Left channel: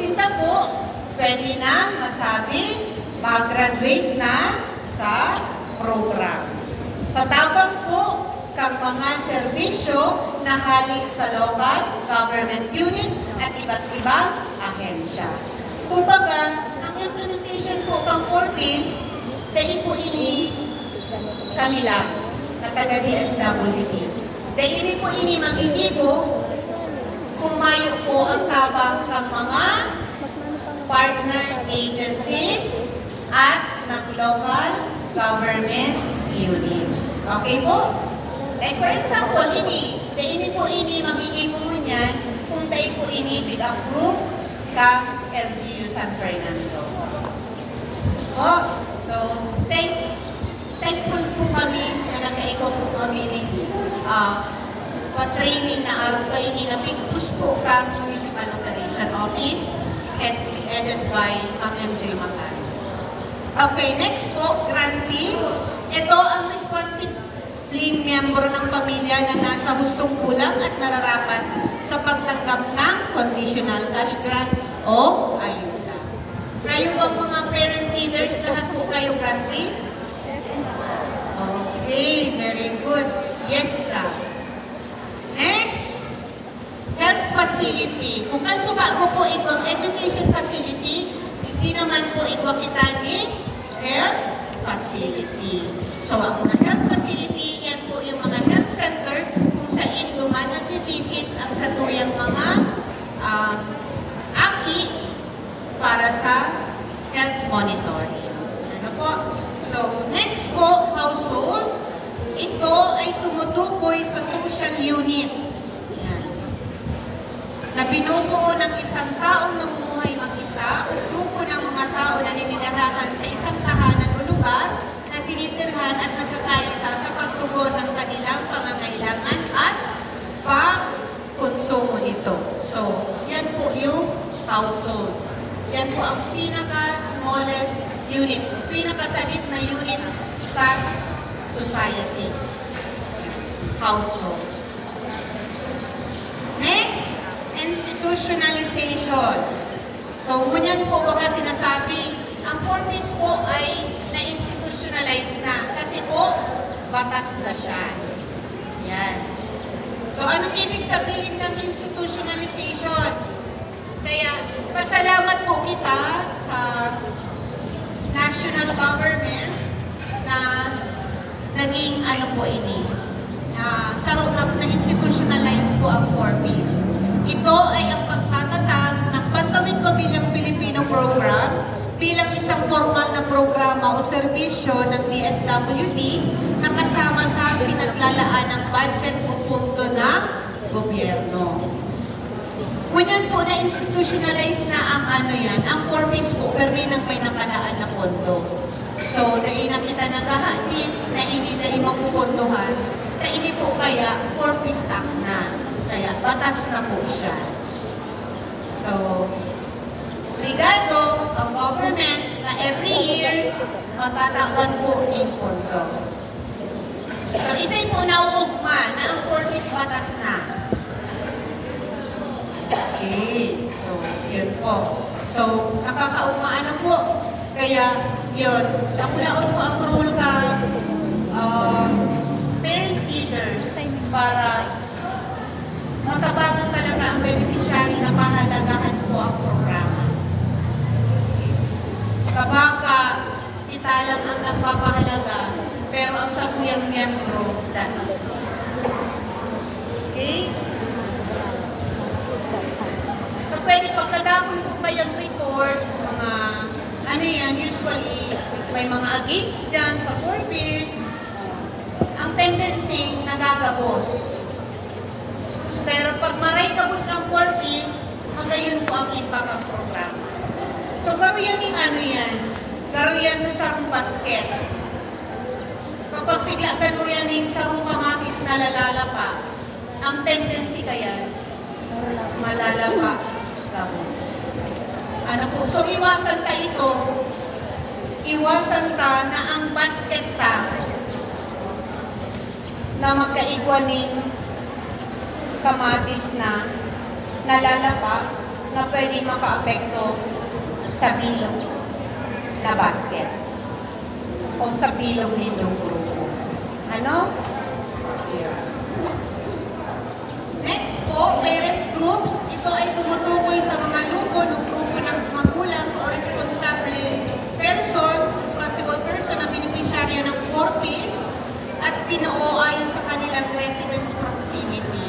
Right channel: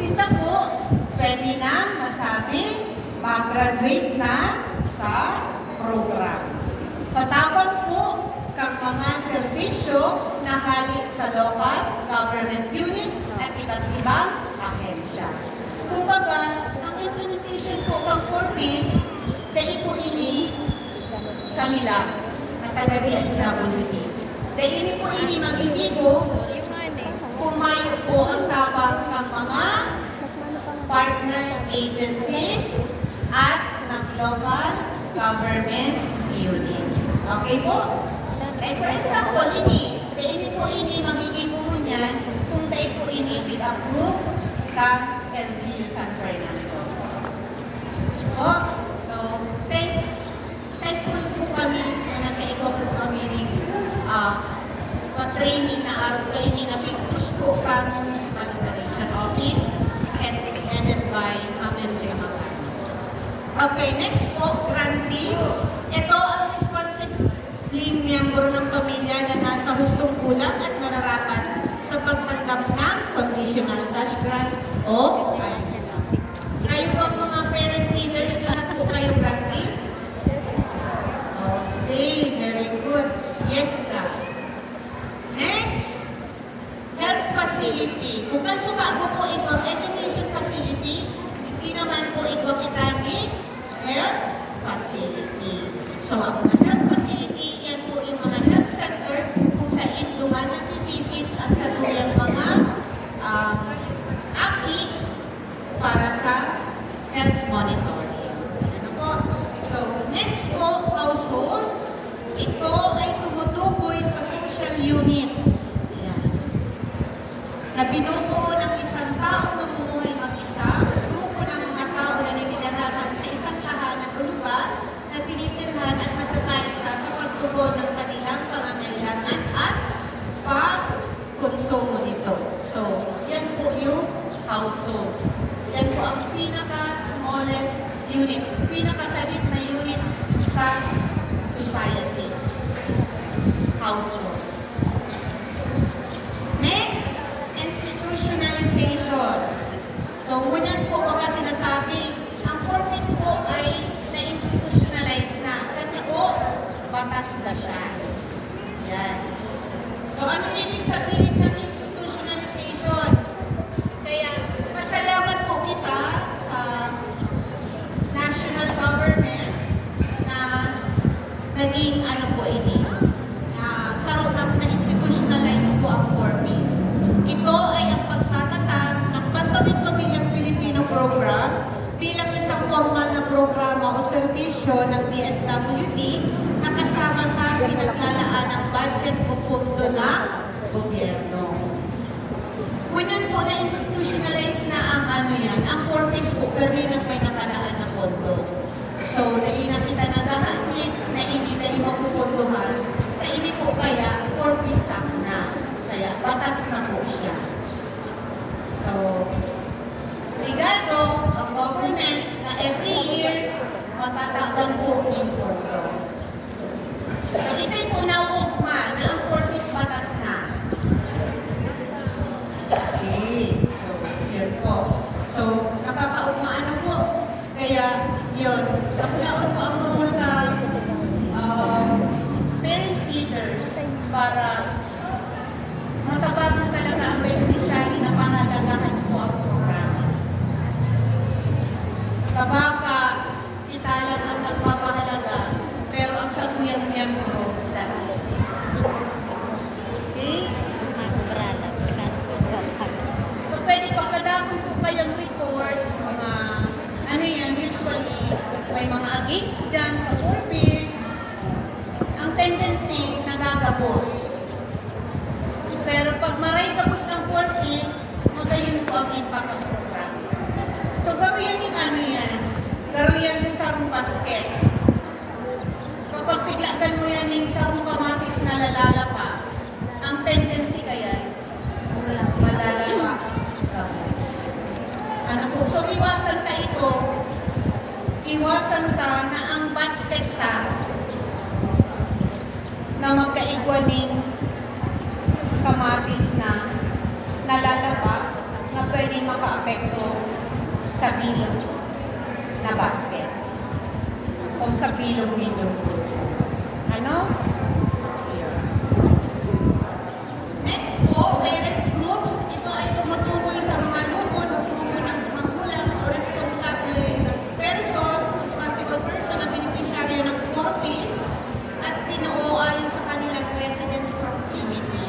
sinta po, pwede na masabi, mag-graduate na sa program. Sa tabang po, kang mga serbisyo na hali sa local government unit at iba't ibang ahensya. Kumbaga, ang implementation po kang 4Ps, dahil po ini kami lang, na taga DSWD. Dahil po ini mag-igibo, kumayo po ang tabang ng mga partner agencies at ng local government unit. Okay po? Like for example, dahil po ini mag-igibo mo niyan kung dahil po ini approve ka LGU San Fernando. Oh, so, thankful po kami na nagkaikaw po kami ng training na araw kayo ni na Big Gusto kang Municipal Operation Office headed by MJ Magan. Okay, next po, grantee. Ito ang responsibling miyembro ng pamilya na nasa hustong kulang at nararapat sa pagtanggap ng conditional cash grants o ayuda. Kayo bang mga parent leaders lahat po kayo grantee? Okay, very good. Yes, na. Next, health facility. Kung kansubago po ito, education facility, hindi naman po ito kitangin health facility. So, ang mga health facility, yan po yung mga health center kung saan duman nag-visit ang sa tuyang mga aki para sa health monitoring. Ano po? So, next po, household. Ito ay tumutukoy sa social unit. Ayan. Na binubuo ng isang taong namumuhay mag-isa o grupo ng mga tao na ninirahan sa isang tahanan o lugar na tinitirhan at nagkakaisa sa pagtugon ng kanilang pangangailangan at pagkonsumo nito. So, yan po yung household. Yan po ang pinaka-smallest unit, pinaka-salit na unit sa society. Household. Next, institutionalization. So, ngunyan po pagka sinasabi, ang 4Ps po ay na-institutionalize na. Kasi po, batas na siya. Yan. So, anong ibig sabihin ng institutionalization? Kaya, pasalamat po kita sa national government na naging ano po ini, na sarunap na institutionalize po ang 4Ps. Ito ay ang pagtatatag ng Bantawid Pamilyang Pilipino Program bilang isang formal na programa o serbisyo ng DSWD na kasama sa pinaglalaan ng budget o pondo ng gobyerno. Ngunyan po na institutionalize na ang ano yan, ang 4Ps po, pero may nakalaan na pondo. So, dahil nakita naghahanit, na hindi na imapupunduhan, na hindi po kaya 4Ps Act na. Kaya, batas na po siya. So, ligado ang government na every year, matatakban po yung pondo. So, isa'y po nauugma na ang 4Ps batas na. Okay, so, yun po. So, nakakaugmaan na po. Kaya, yun, nakulaon po ang rule ka parent leaders para matabangan talaga ang beneficiary na pahalagahan po ang programa. Kapag kita lang ang nagpapahalaga, pero ang sakuyang miyembro, dati. Okay? Pwede pagkadakol po kayang reports, mga ano yan, usually may mga against dyan sa 4Ps. Ang tendency, nagagabos. Pero pag maray kabos ang 4Ps, magayon po ang impact ng programa. So, garo yan yung ano yan, garo yan yung sarong basket. Kapag piglagan mo yan yung sarong kamatis na lalala ang tendency kaya, malalapa kabos. Ano po? So, iwasan ta ito. Iwasan ta na ang basket ta na magkaigwaning kamatis na nalalapa na pwedeng maka-apekto sa bilog na basket o sa bilog nito. Ano? Here. Next po, parent groups. Ito ay tumutukoy sa mga lupon o grupo ng magulang o responsible person na beneficiaryo ng 4Ps at pinuo ayon sa kanilang residence proximity.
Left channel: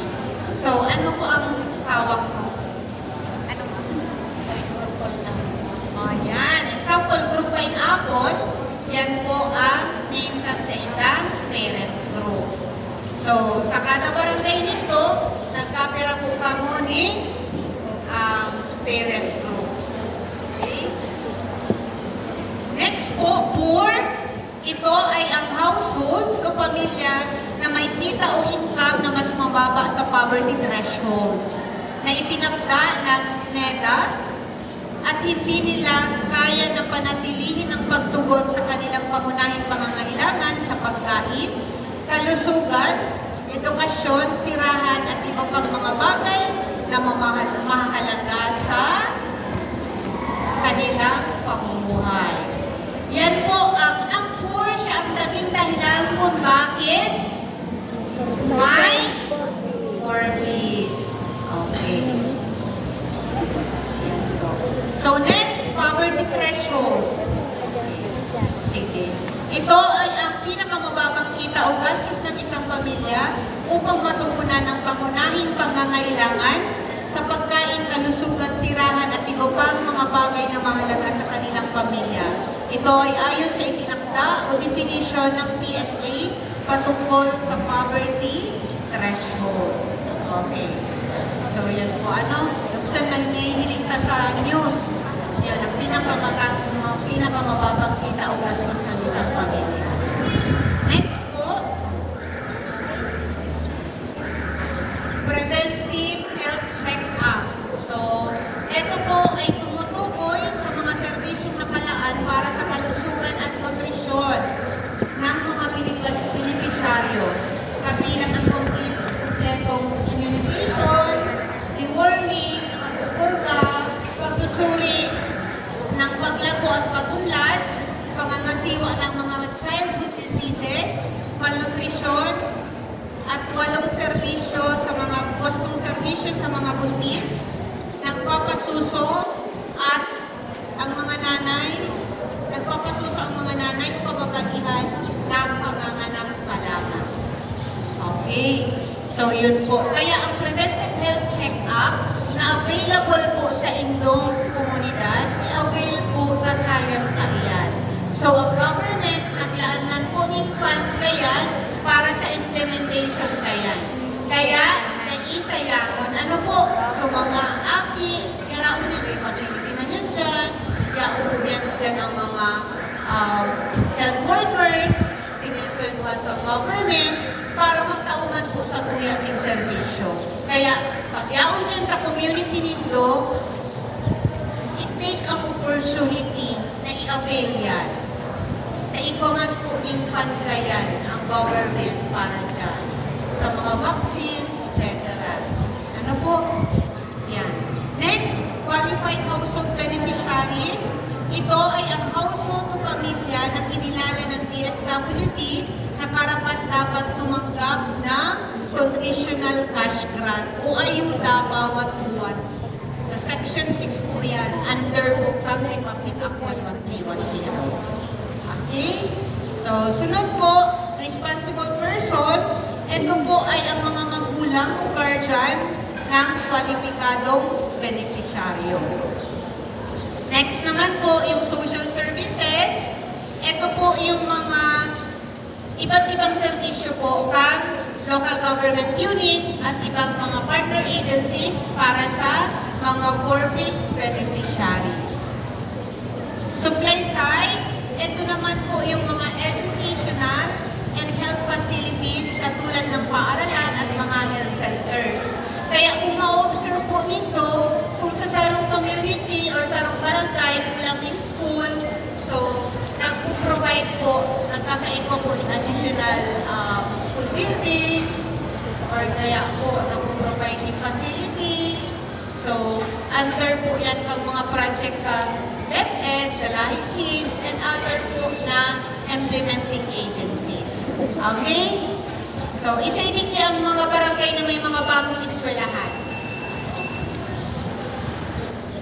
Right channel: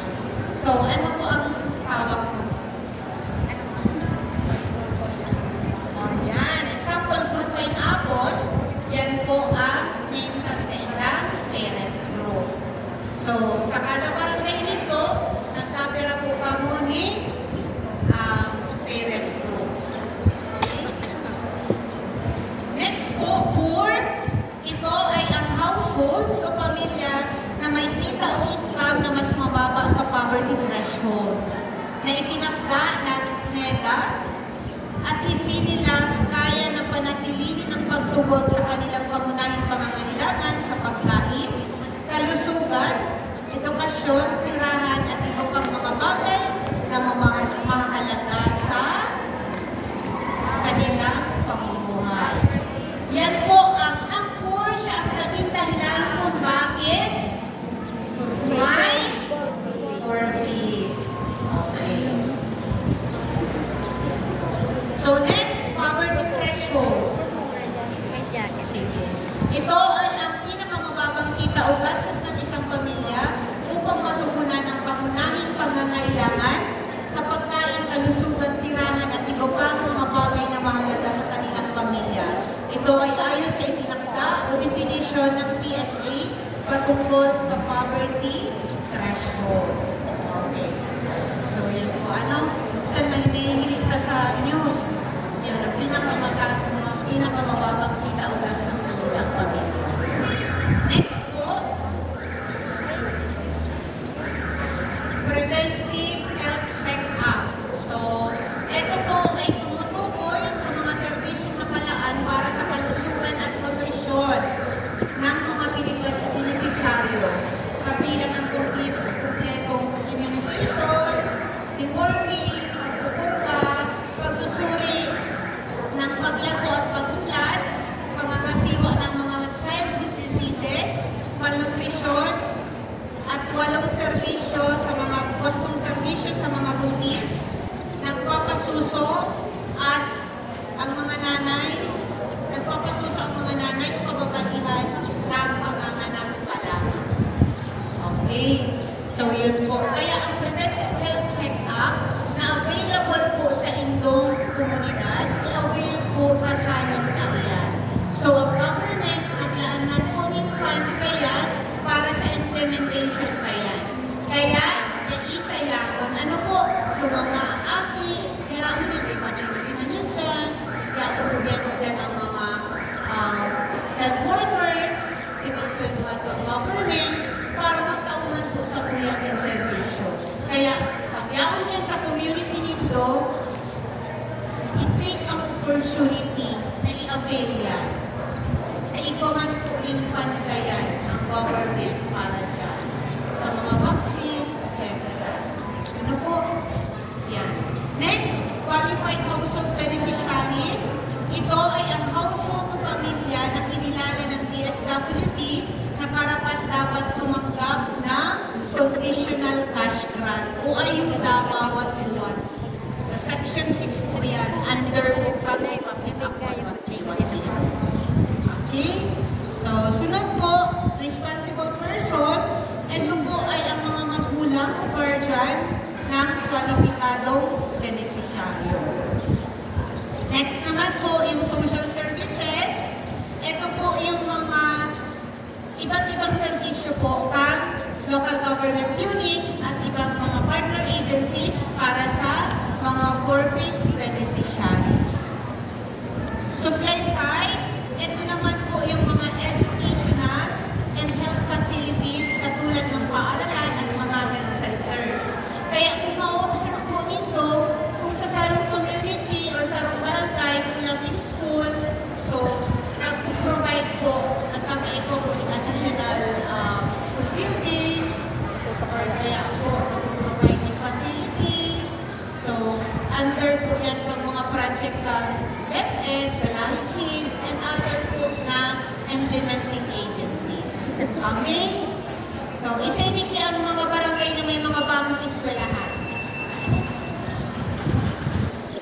So, ano po ang hawak mo? Ano mo? Yan. Example, group pineapple. Yan po ang name tag sa ilang parent group. So, sa kada barangay nito, nagkapera po pa mo ni parent groups. Okay? Next po, poor. Ito ay ang households o pamilya na may kita o income na mas mababa sa poverty threshold na itinakda ng NEDA at hindi nila kaya na panatilihin ang pagtugon sa kanilang pangunahing pangangailangan sa pagkain, kalusugan, edukasyon, tirahan at iba pang mga bagay na mahalaga sa kanilang pamumuhay. Yan po ang poor siya ang naging dahilan kung bakit may 4Ps. Okay. So next, poverty threshold. Sige. Ito ay ang pinakamababang kita o gastos ng isang pamilya upang matugunan ang pangunahing pangangailangan sa pagkain, kalusugan, tirahan at iba pang mga bagay na mahalaga sa kanilang pamilya. Ito ay ayon sa itinakda o definition ng PSA patungkol sa poverty threshold. Okay. So yan po ano? Saan may nahihiling ka sa news? Yan ang pinakamababang kita o gastos ng isang pamilya. Next po. Preventive health check-up. So, ito po ay tumutukoy sa mga serbisyong nakalaan para sa kalusugan at nutrisyon ng mga beneficiaryo. Kabilang ang kompletong immunization, deworming, pagpupurga, pagsusuri ng paglago at pagunlad, pangangasiwa ng mga childhood diseases, malnutrisyon, at 8 serbisyo sa mga wastong serbisyo sa mga buntis, nagpapasuso at ang mga nanay, nagpapasuso ang mga nanay o kababaihan ng panganganak pa lamang. Okay? So, yun po. Kaya ang preventive health check-up na available po sa inyong komunidad, i-avail po kasayang kalian. So, ang government, naglaan man po ng fund kayan para sa implementation kayan. Kaya, naisayangon. Ano po? So, mga aki, kaya mo na may facility na yan dyan. Kaya po yan dyan ang mga health workers, sinisweldohan pang government, para magtauhan po sa tuya ng servisyo. Kaya, pag yaon dyan sa community nito, i-take ang opportunity na i-avail yan. Na ikuman po yung fund kayan ang government para dyan. Sa mga vaccines, etc. Ano po? Yan. Next, qualified household beneficiaries. Ito ay ang household o pamilya na kinilala ng DSWD na karapat-dapat tumanggap ng conditional cash grant o ayuda bawat buwan. Sa Section 6 po yan, under Utang Republic Act No. 310. Okay? So, sunod po, responsible person. Ito po ay ang mga magulang o guardian ng kwalipikadong beneficiaryo. Next naman po, yung social services. Ito po yung mga iba't ibang servisyo po pang local government unit at ibang mga partner agencies para sa mga 4Ps beneficiaries. Supply side, ito naman po yung mga educational and health facilities katulad ng paaralan at mga health centers. Kaya kung ma-observe po nito, kung sa sarong community or sarong barangay, kulang in school, so nag-provide po, nagkakaiko po in additional school buildings, or kaya po nag-provide in facility. So, under po yan ng mga project ng DepEd, Dalahi Seeds, and other po na implementing agencies. Okay? So, isa-edit yung mga barangay na may mga bagong eskwelahan.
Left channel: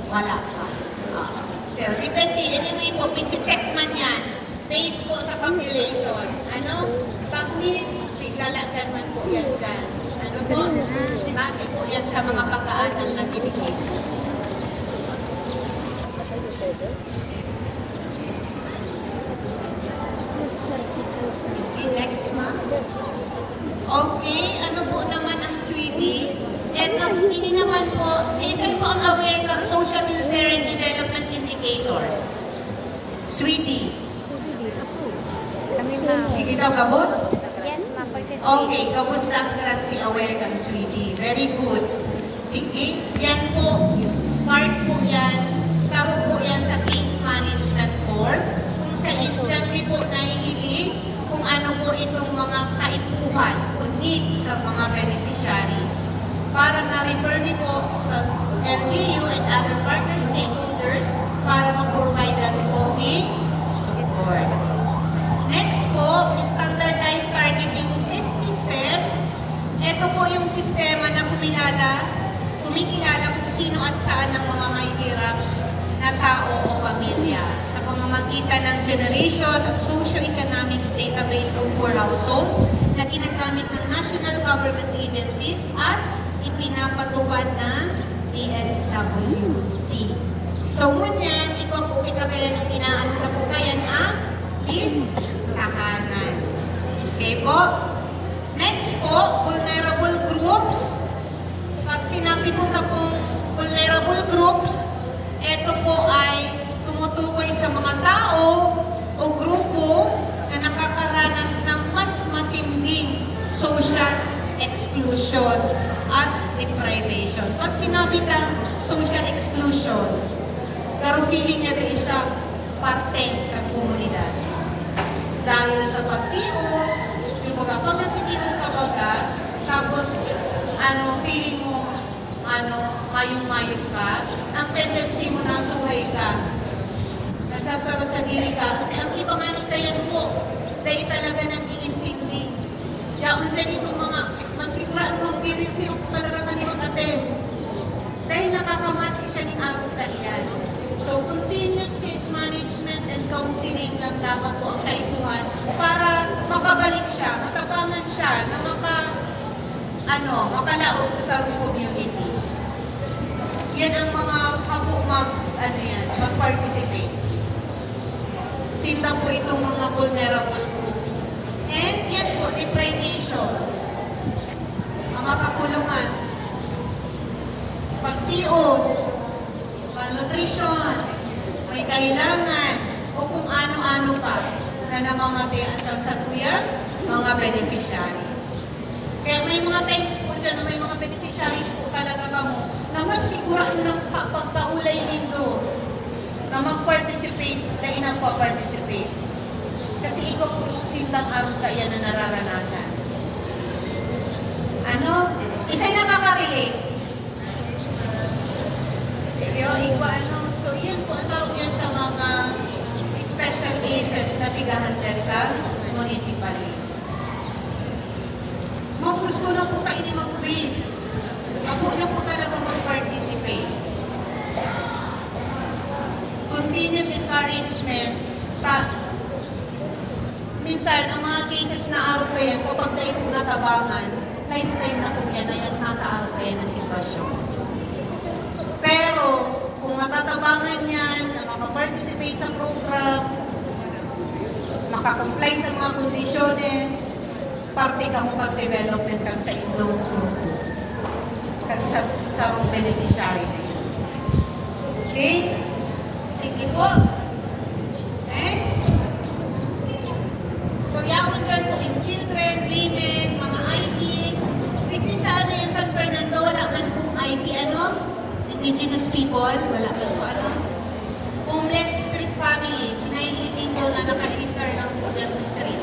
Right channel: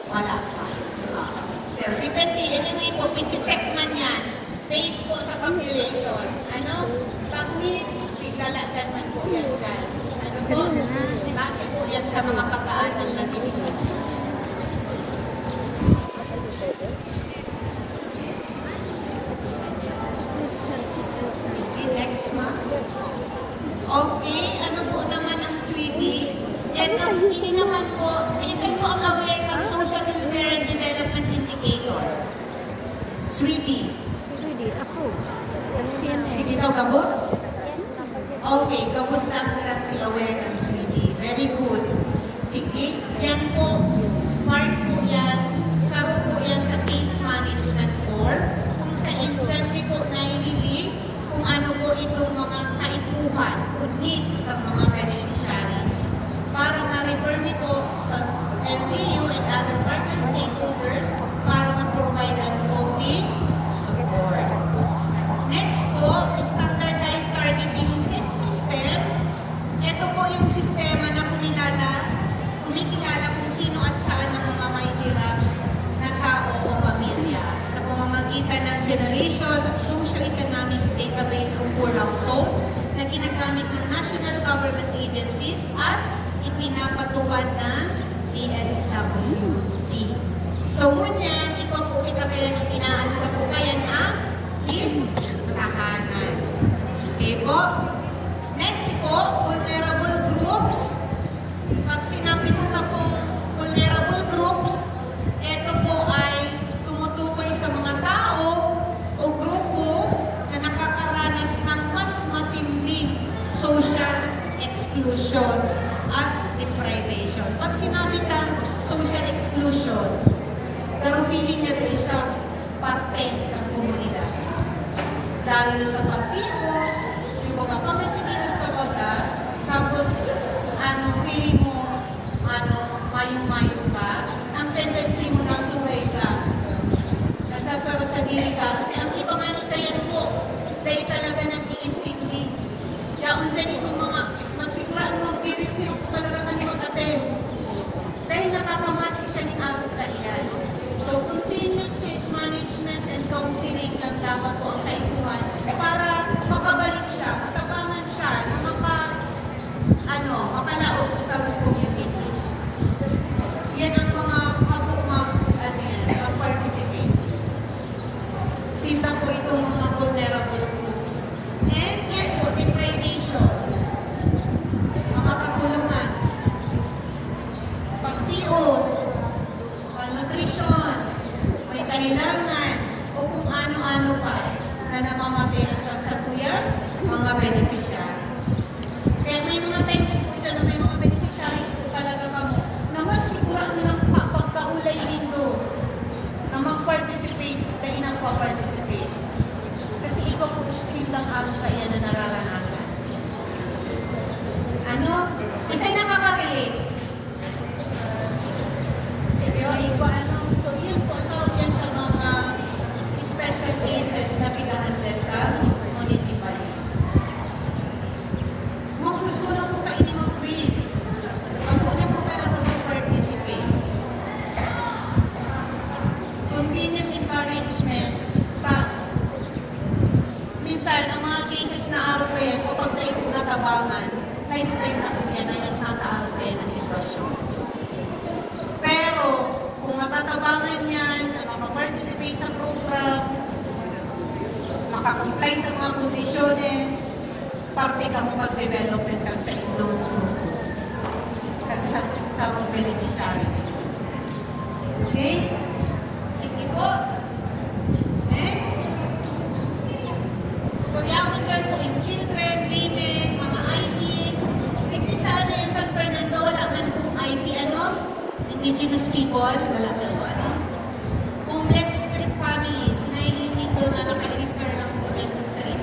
Wala pa. Sir, depende. Anyway po, check man yan. Based po sa population. Ano? Pag biglalagdan man po yan dyan. Ano po? Bakit po yan sa mga pag-aaral na dinigit? Sige, next ma. Okay, ano po naman ang Swede? Ini naman po, isa po ang aware ng Social Welfare and Development Indicator. Swede. Sige daw, kabos? Okay, kabos na ang currently aware ng Swede. Very good. Sige, yan po, part po yan, saro po yan sa case management board. Kung sa dyan po naiili, kung ano po itong mga kaipuhan o need ng mga beneficiaries para ma-refer niyo po sa LGU and other partner stakeholders para ma-providean po ni support. Next po, standardized targeting system. Ito po yung sistema na kumikilala kung sino at saan ang mga mahihirap na tao o pamilya sa pamamagitan ng generation of socio-economic database of per household na ginagamit ng national government agencies at ipinapatupad ng DSWD. So, ngunyan, ikaw po kitabayan ng inaano na po kaya na list tahanan. Okay po? Next po, vulnerable groups. Pag sinabi po na po vulnerable groups, ito po ay tumutukoy sa mga tao o grupo na nakakaranas ng mas matinding social exclusion at deprivation. Pag sinabi na social exclusion, pero feeling na ito siya parte ng komunidad. Dahil sa pagtios, yung baga, pag nagtitios ka baga, tapos, feeling mo, mayong-mayong ka, ang tendency mo na suway ka, nagsasara sa diri ka, ang iba nga ni kayo po, dahil talaga nag-iintindi. Kaya kung dyan itong mga, mas figuraan mong pirit mo, talaga kang mag-attend. Dahil nakakamati siya ng araw na iyan. So, continuous case management and counseling lang dapat po ang kaituhan para makabalik siya, matapangan siya, na makalaog sa sarong community. Yan ang mga kapo mag-participate. Sinta po itong mga vulnerable groups. And yan po, deprivation. Mga kakulungan. Pagtios, malnutrition, may kailangan, o kung ano-ano pa na namamatay ang kagsatuyan, mga beneficiaries. Kaya may mga times po dyan na may mga beneficiaries po talaga kamo na mas sigurado ng pagkaulay nindo na mag-participate na inagpa-participate. Kasi ikaw po sindang araw kaya na nararanasan. Isa'y nakaka-relate. So yan po, yan sa mga special cases na bigahandel ka municipally. Gusto na po kayo ni mag-wave. Ako na po talaga mag-participate. Continuous encouragement. Minsan, ang mga cases na araw ko yan, kapag tayo po natabangan, tayo na po yan, ay nasa araw ko yan na sitwasyon. Pero, kung matatabangan yan, makaparticipate sa program, makakomply sa mga kondisyones, parte ka mo pag-development kag sa inyong grupo. Kag sa beneficiary. Okay? Sige po. Next. So, yakot dyan po yung children, women, mga IPs. Hindi saan na yung San Fernando, wala man pong IP, indigenous people, wala man po, homeless street families, sinailimit doon na naka-register lang po yan sa street.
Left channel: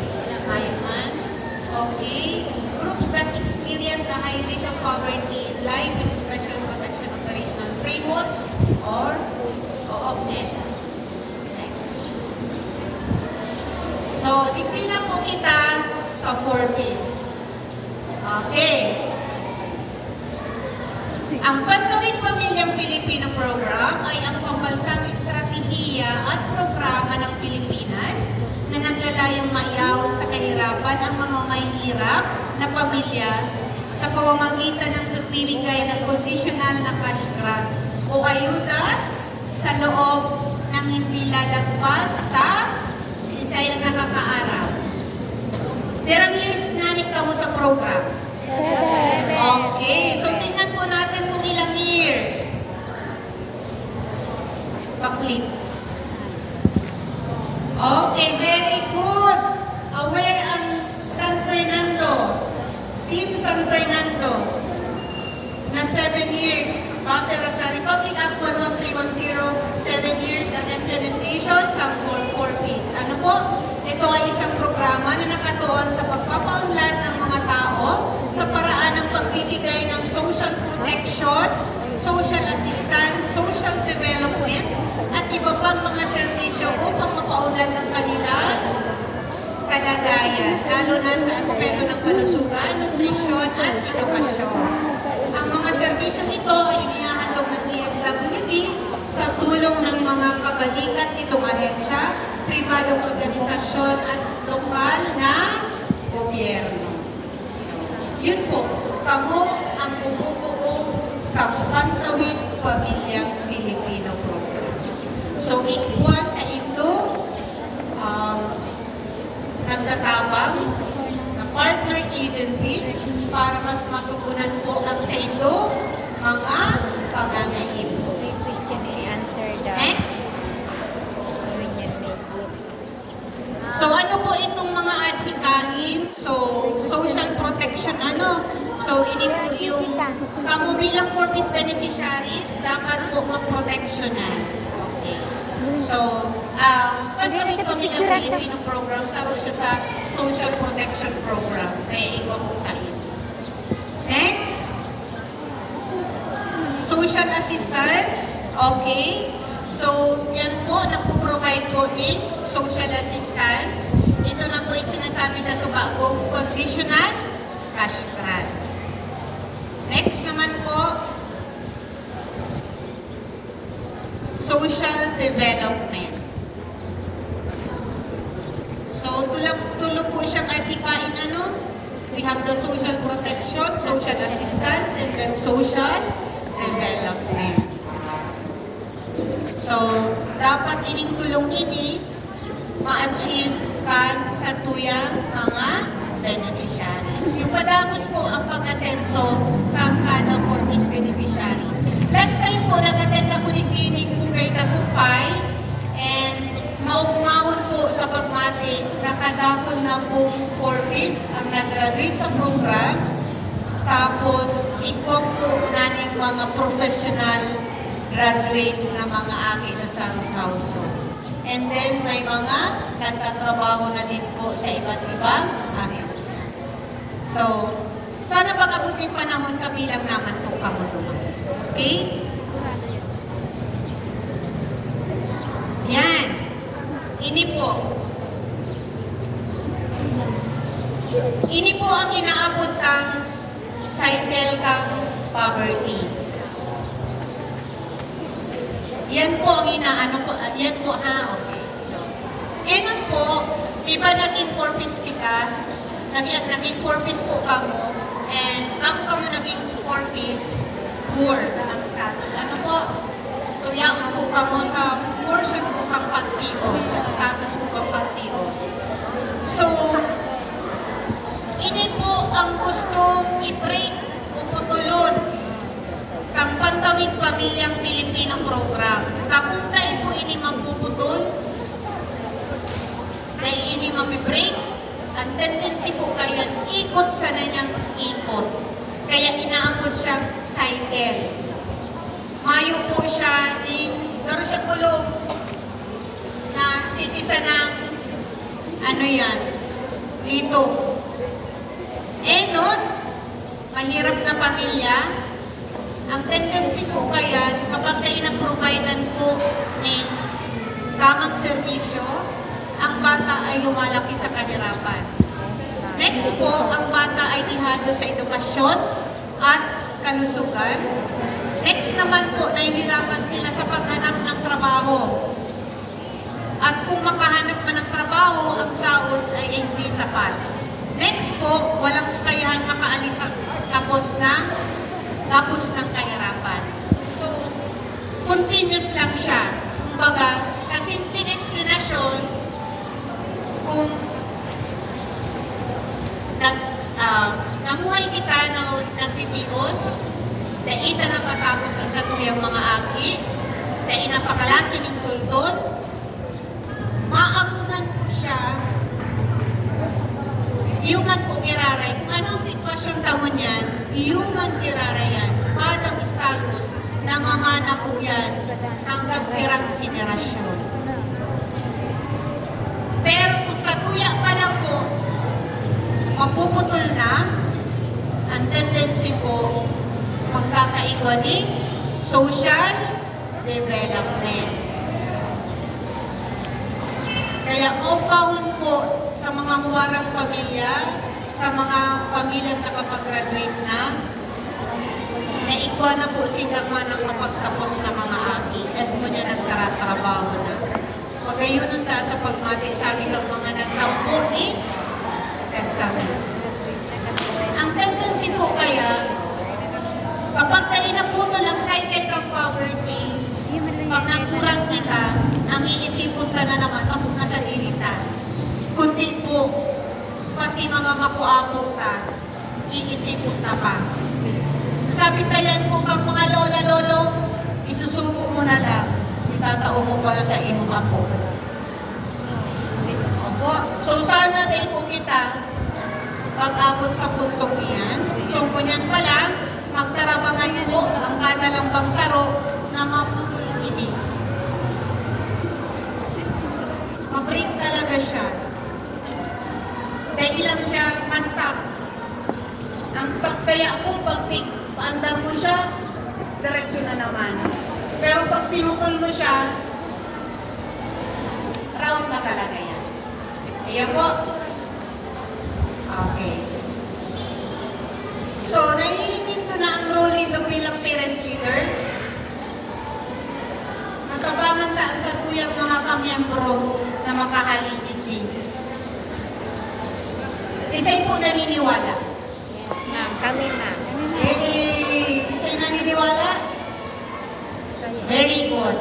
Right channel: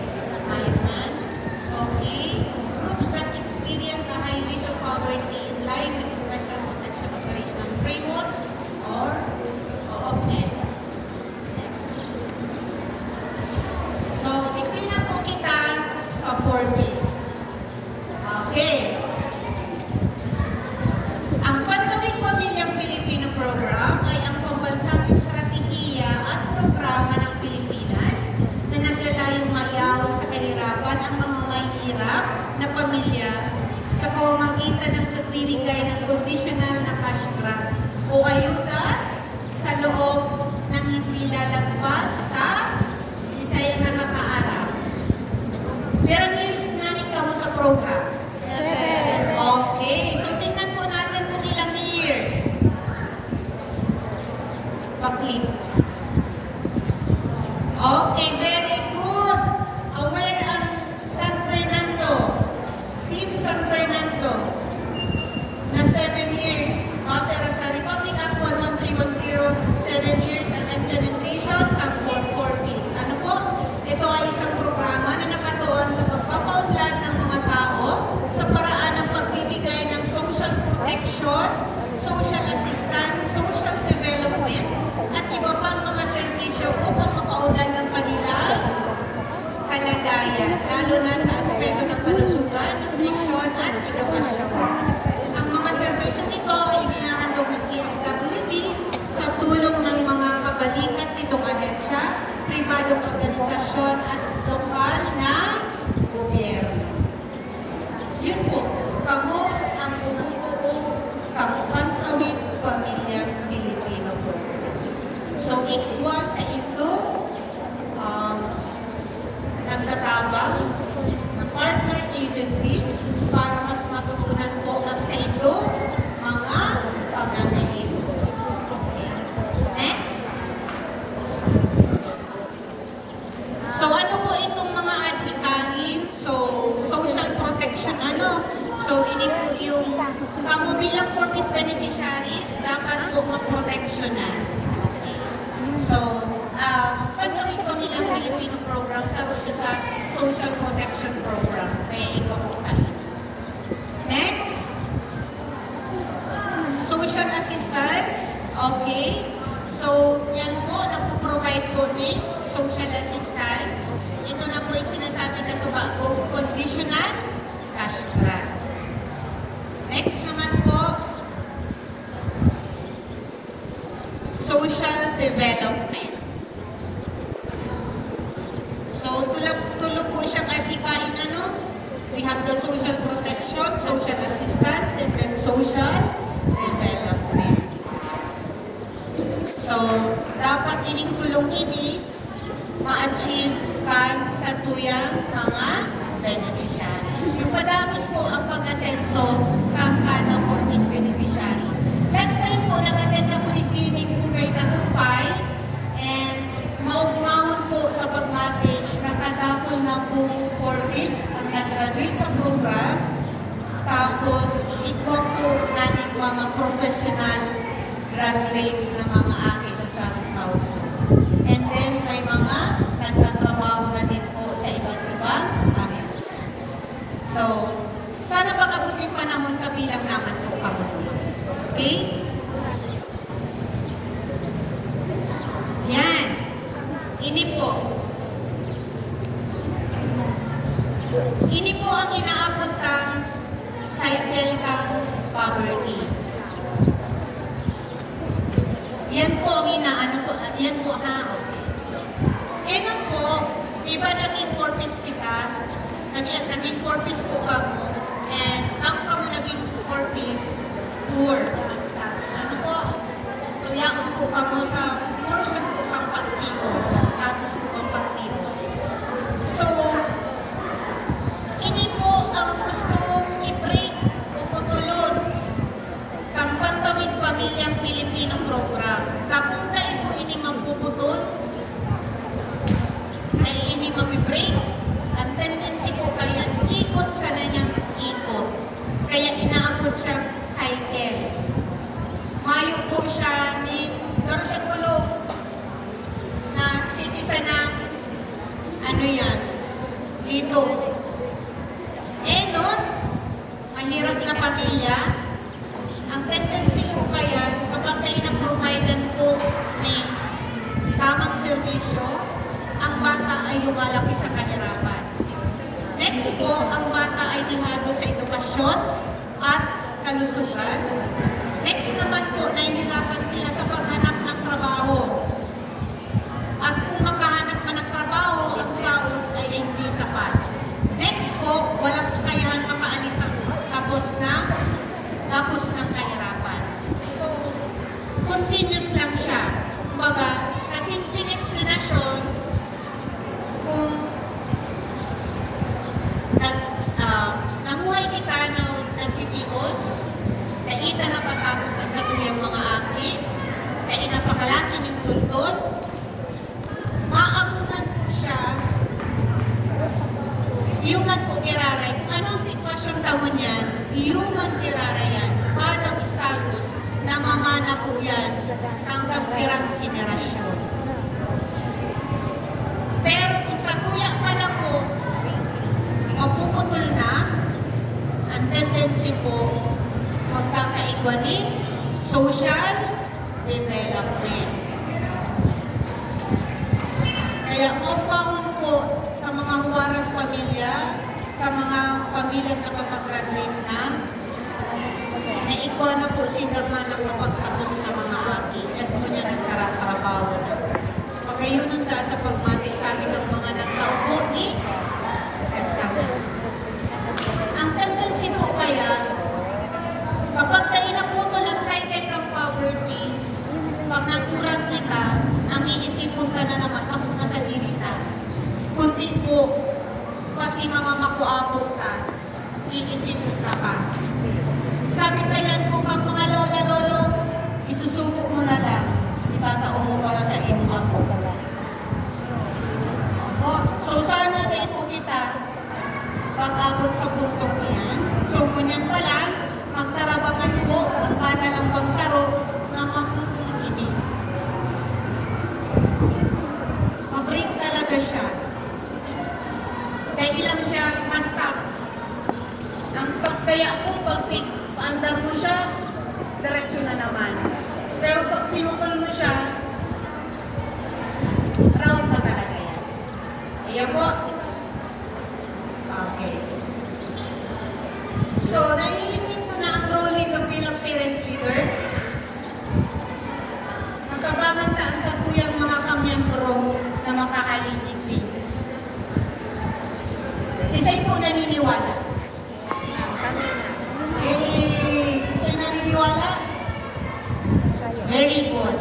Ayaw man. Okay. Groups that experience a high risk of poverty in line with the Special Protection Operational Framework pipila po kita sa 4Ps. Okay. Ang Pantawid Pamilyang Pilipino Program ay ang pambansang estratehiya at programa ng Pilipinas na naglalayong mayaon sa kahirapan ang mga may hirap na pamilya sa pamamagitan ng pagbibigay ng conditional na cash grant o ayuda sa loob ng hindi lalagpas sa sinisayang nakakaaral. Perang years na ka mo sa program? 7. Okay, so tingnan po natin kung ilang years. Baklit. Okay, very good. Aware ang San Fernando. Team San Fernando na 7 years. Base sa Republic Act 11310, 7 years ang implementation ng 4Ps. Ano po? Ito ay isang programa na nakatuon sa pagpapaunlad ng mga tao sa paraan ng pagbibigay ng social protection, social assistance, social development, at iba pang mga serbisyo upang mapaunlad ang kanilang kalagayan, lalo na sa aspeto ng kalusugan, nutrisyon, at edukasyon. Ang mga serbisyo nito ay inihahandog ng DSWD sa tulong ng mga kabalikat nitong ahensya, pribadong organisasyon at lokal na gobyerno. Yun po, kamo ang bumubuo ng Pantawid Pamilyang Pilipino Program. So, ikwa sa ito, nagtatabang na partner agencies para mas matugunan po ang sa ito mga pangangailangan. Next. So, ano po itong mga adhikain? So, social protection, ano? So, ini po yung kamo bilang 4Ps beneficiaries, dapat po mag-protectionan. Okay. So, Pantawid Pamilyang Pilipino Program, saro siya sa Social Protection Program. Kaya ito po tayo. Next. Social assistance. Okay. So, yan po, nagpo-provide po din social assistance. Ito na po yung sinasabi na sa bagong conditional cash grant. Next naman po, social development. So, tulog po siyang adhikain ano? We have the social protection, social assistance, and then social development. So, dapat ining tulong ini ma-achieve kan sa tuyang mga beneficiaries. Yung padagos po ang pag-asenso kang kada 4Ps beneficiary. Last time po, nag-attend ako ni Kinig po kay Tagumpay and maugmahon po sa pagmati, nakadakol na po 4Ps ang nag-graduate sa program. Tapos, ikaw po natin mga professional graduate na mga agi sa San Pauso. And then, may mga nagtatrabaho na din po sa iba't ibang ahensya. So, sana pag-abuting panahon kabilang naman po kamo. Okay? Yan. Ini po. Ini po ang inaabot kang cycle kang poverty. Yan po ang inaano po. Yan po ha. Okay. So, ganun po, di ba naging 4Ps kita? Naging 4Ps po kamo. And ako kamo naging 4Ps, poor ang status. Ano po? So, yaon po kamo sa portion po kang pagtios, sa status po kang pagtios. So, ini po ang gustong i-break o putulon kang Pantawid Pamilyang Pilipino Program. Kung tayo po ini mapuputol, na ini mapibreak, ang tendency po kaya ikot sa nanyang ikot. Kaya inaabot siyang cycle. Mayo po siya, garo siya kulong na citizen ng ano yan, litong. Not, mahirap na pamilya, ang tendency po kaya, kapag na ina-providean po ni tamang serbisyo, ang bata ay ay lumalaki sa kahirapan. Next po, ang bata ay dihado sa edukasyon at kalusugan. Next naman po, nahihirapan sila sa paghanap ng trabaho. At kung makahanap man ng trabaho, ang sahod ay hindi sapat. Next po, walang kakayahan makaalis tapos ng kahirapan. So, continuous lang siya. Kumbaga, kasimpleng explanation, kung namuhay kita na nagtitios, dahil na patapos ang satuyang mga aki, dahil napakalasin yung kultol, maaguman po siya, human po kiraray. Kung anong sitwasyon taon yan, human kiraray yan. Para gustagos, namamana po yan hanggang perang henerasyon. Pero kung sa tuya pa lang po, magpuputol na, ang tendency po, magkakaigwaning social development. Kaya maupawon po sa mga huwarang pamilya, sa mga pamilyang nakapag-graduate na ikwa na po sinagman ng mapagtapos ng mga aki at kung na nagtrabaho na. Pagayunan ta sa pagmati sa aming mga nagtaupo ni Testament. Ang tendency po kaya, kapag tayo naputol ang cycle ng poverty, pag nagkurang kita, ang iisipon ka na naman, ako nasa dirita. Kundi po, pati mga makuapo ka, iisipon ka pa. Sabi pa yan po, pag mga lola-lolo, isusuko mo na lang, itatao mo para sa iyong ako. Opo. So, sana din po kita, pag-abot sa puntong iyan, so ganyan pa lang, magtarabangan po ang kadalambang saro na maputo yung ini. Mabreak talaga siya. Dahil lang siya ma-stop. Ang stop kaya po, pag paandar mo siya, diretsyo na naman. Pero pag pinutol mo siya, round na talaga yan. Kaya po, okay. So, naiinig ko na ang role nito bilang parent leader. Natabangan ta ang sa tuyang mga kamiyembro na makahalingig. Isa'y po naniniwala. Kami na. Isa'y naniniwala? Very good.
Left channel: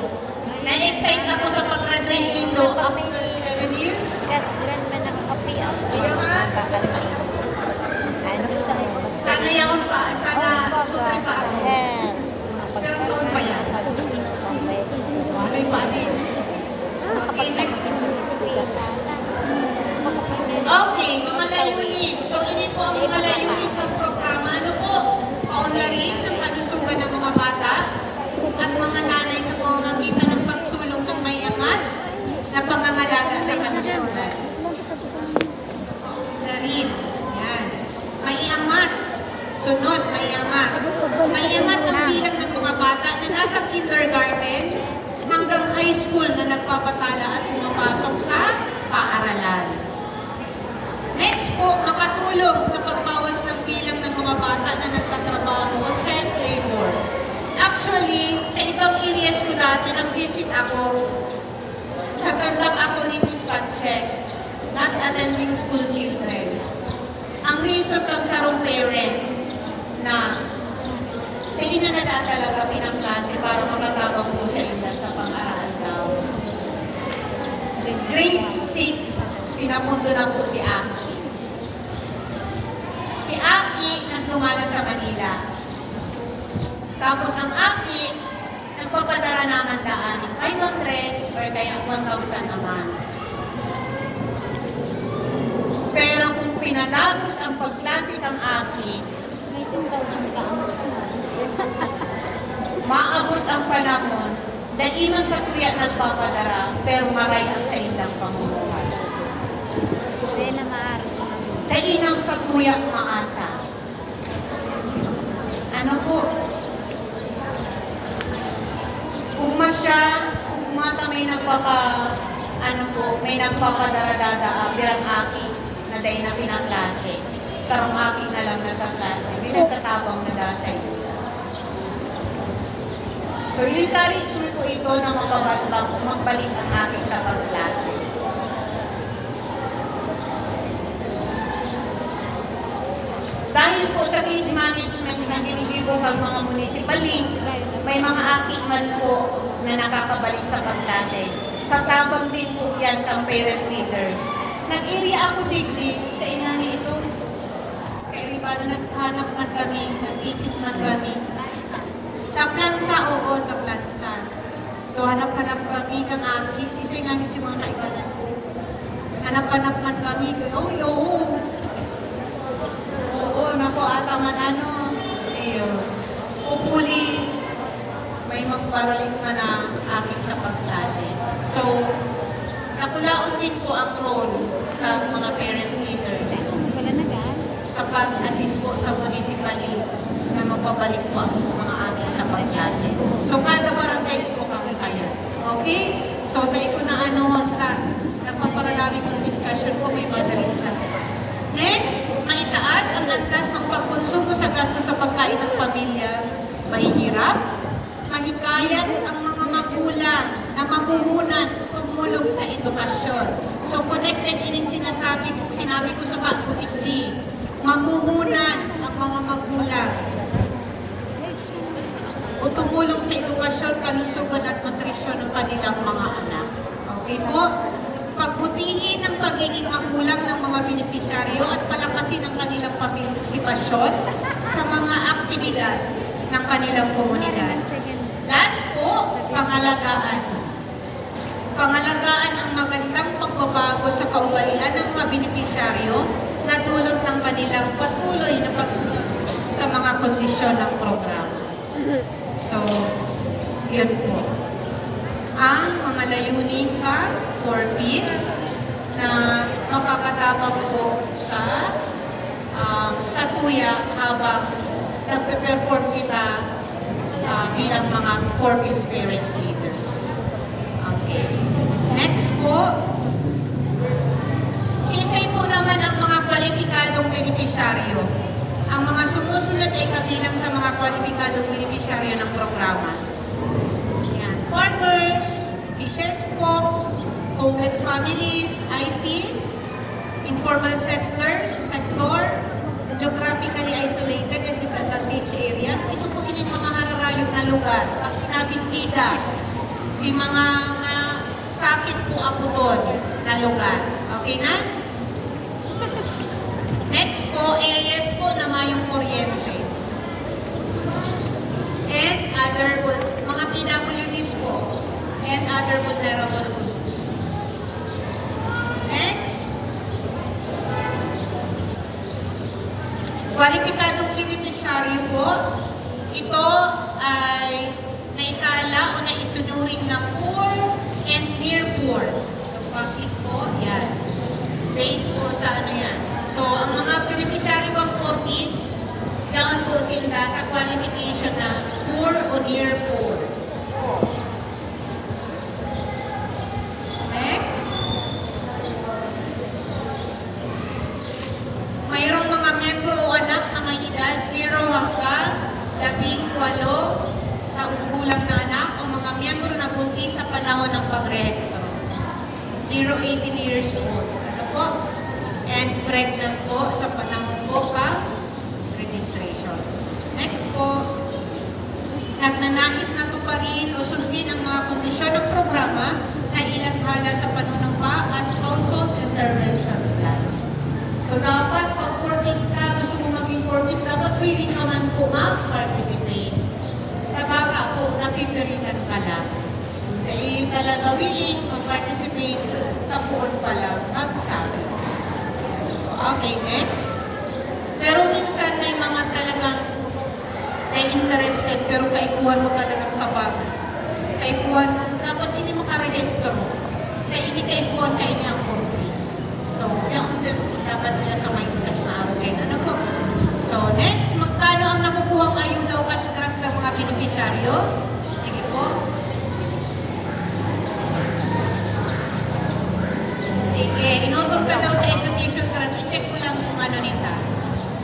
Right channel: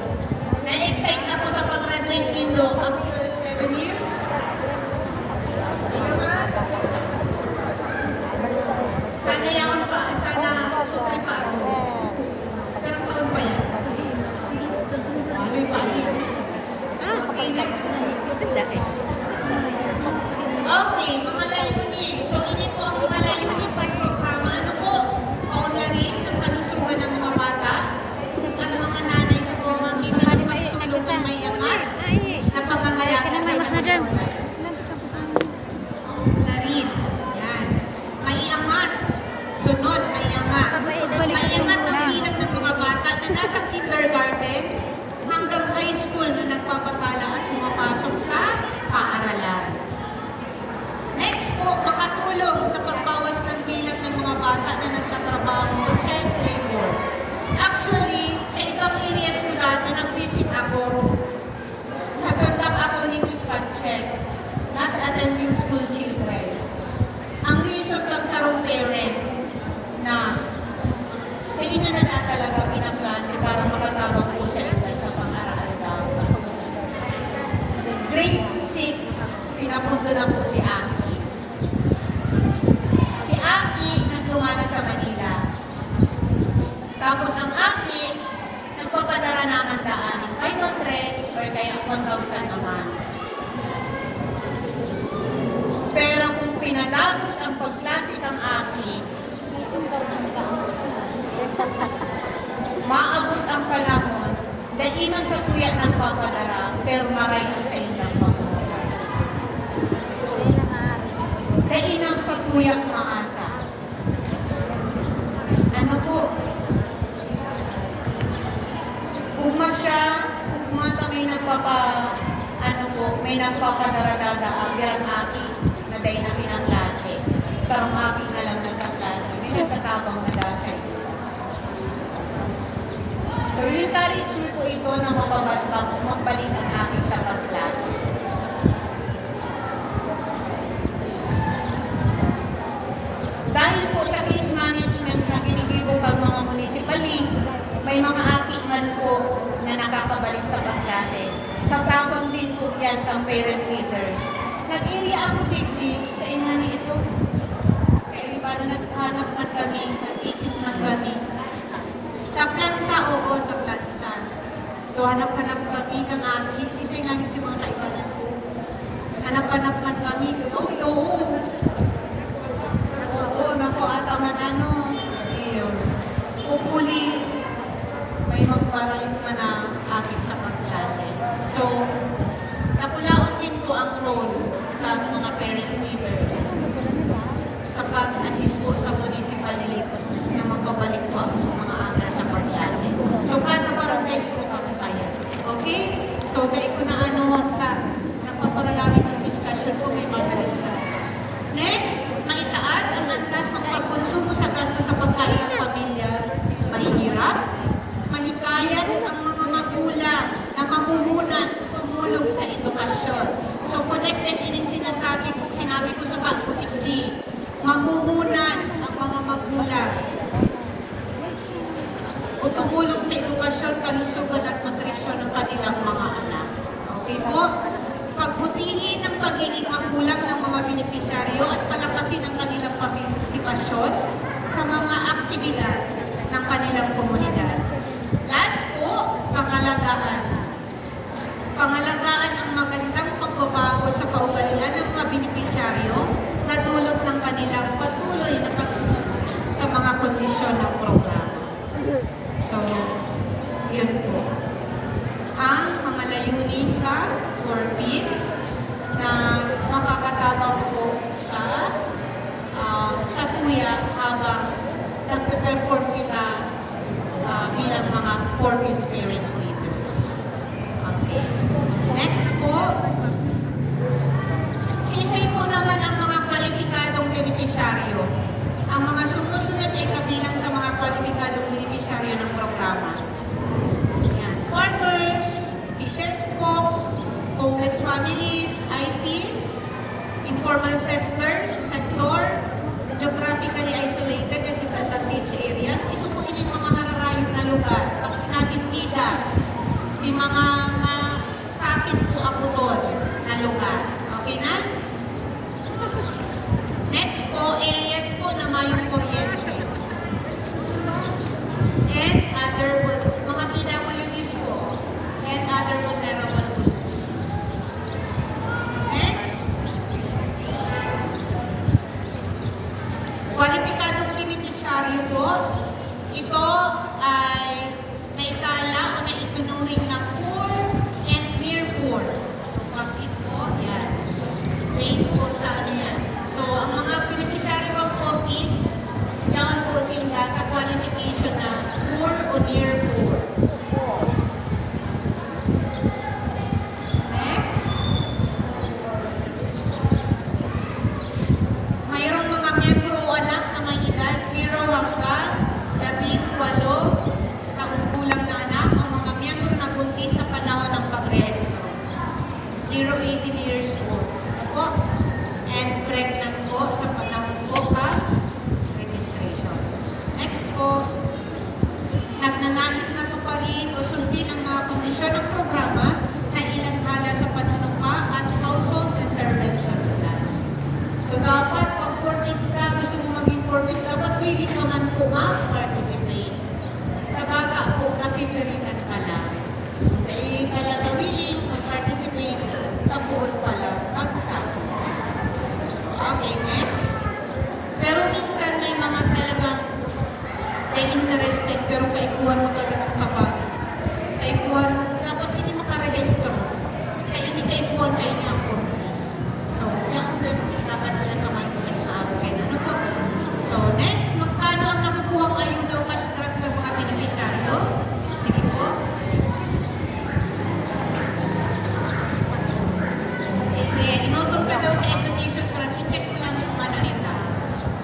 Na-excite ako sa pag-graduate dito after 7 years. Ayaw nga. Sana yaman pa, sana sutri pa ako. Pero noon pa yan. Malay pa din. Okay, next. Okay, mga layunin. So, ini po ang mga layunin po yung programa. Ano po? Paunlarin ng kalusugan ng mga bata at mga nanay sa pamamagitan ng pagsulong ng may angat na pangangalaga sa kalusugan. Paunlarin. Yan. May angat. Sunod, may angat. May angat ang bilang ng mga bata na nasa kindergarten hanggang high school na nagpapatala at pumapasok sa paaralan. Next po, makatulong sa pagbawas ng bilang ng mga bata na nagtatrabaho o child labor. Actually, sa ibang areas ko dati, nag-visit ako. Nagkandak ako ni Miss Pancheck, not attending school children. Ang reason kang sarong parent na na talaga pinangklase para makatabang po sa edad sa pang-aral daw. Grade 6, pinapunto na po si Aki. Si Aki nagtumana sa Manila. Tapos ang Aki, nagpapadala ng handaan, 500 or kaya 1,000 naman. Pero kung pinadagos ang pagklase ng Aki, maabot ang panahon, daiman sa tuya nagpapadara, pero maray ang sa indang pamumuhay. Dainang sa tuya maasa. Ano po? Ugma siya, ugma ta may ano po, may nagpapadarada birang aki na day na pinaklase. Sarong aki na lang nagkaklase. May nagtatabang na dahil sa ito. So, i-encourage mo po ito na magbalik ang aki sa pagklase. Dahil po sa case management na ginigibo ng mga munisipaling, may mga aki man po na nakakabalik sa pagklase. Sa tabang din po yan ang parent leaders. Nag-area ako digdig sa inani ito. Kaya paano naghanap man kami, nag-isip man kami. Sa plansa, oo, sa plansa. So, hanap-hanap kami kang aki. Sisay nga din siguro kaibanan ko. Hanap-hanap man kami. Oo. Nako, ataman ano. Ayun. Pupuli. May magparalit man ang aking sa pagklase. So, nakulaon din po ang role ng mga parent leaders sa pag-assist po sa municipality na magpabalik po ang mga aking sa pagklase. So, kada barangay po kami kayo. Okay? So, kaya ko na ano wanta. Nagpaparalawin ang discussion ko, may madaristas. Next, maitaas ang antas ng pagkonsumo sa gasto sa pagkain ng pamilya. Mahihirap, mahikayan ang mga magulang na mamumunan o tumulong sa edukasyon. So, connected din yung sinabi ko sa pag-utikli. Mamumunan ang mga magulang o tumulong sa edukasyon, kalusugan at nutrisyon ng kanilang mga anak. Okay po? Pagbutihin ang pagiging magulang ng mga benepisyaryo at palakasin ang kanilang partisipasyon sa mga aktibidad ng kanilang komunidad. Last po, pangalagaan. Pangalagaan ang magandang pagbabago sa kaugalian ng mga benepisyaryo na dulot ng kanilang patuloy na pagsunod sa mga kondisyon ng programa. So, yun po. Ang mga layunin pa for peace na makakatabang po sa tuya habang nagpe-perform kita bilang mga core spirit leaders. Okay. Next po, sisay po naman ang mga kwalipikadong benepisyaryo. Ang mga sumusunod ay kabilang sa mga kwalipikadong benepisyaryo ng programa. Farmers, fishers folks, homeless families, IPs, informal settlers, geographically isolated and disadvantaged areas. Ito po yung mga hararayong na lugar. Pag sinabing kita, si mga sakit po ako doon na lugar. Okay na? Next po, areas po na mayong kuryente. And other mga PWDs po and other vulnerable groups. Next, kwalipikadong benepisyaryo po, ito ay naitala o naitunuring na poor and near poor. So, bakit po? Yan. Base po sa ano yan. So, ang mga benepisyaryo bang poor is, kailangan po sila sa qualification na poor o near poor. Next. Mayroong mga membro o anak na may edad 0 hanggang 18 taong gulang na anak o mga membro na buntis sa panahon ng pagrehistro. 0-18 years old. Ano po? And pregnant po sa panahon po registration. Next po, nagnanais na tuparin o sundin ang mga kondisyon ng programa na ilathala sa panunumpa at household intervention plan. So dapat pag purpose ka, gusto mo maging purpose, dapat willing naman po mag-participate. Tabaga po, napipiritan ka lang. Dahil talaga willing mag-participate sa buon pa lang, magsabi. Okay, next. Pero minsan may mga talagang interested pero kaikuhan mo talagang tabag. Kaikuhan mo, dapat hindi mo karehistro. Kaya hindi kaikuhan kayo niyang purpose. So, dapat nila sa mindset na okay na ano po. So, next, magkano ang nakukuhang ayuda o cash grant ng mga benepisyaryo? Sige po. Sige, inutol ka daw sa education grant. I-check ko lang kung ano nita.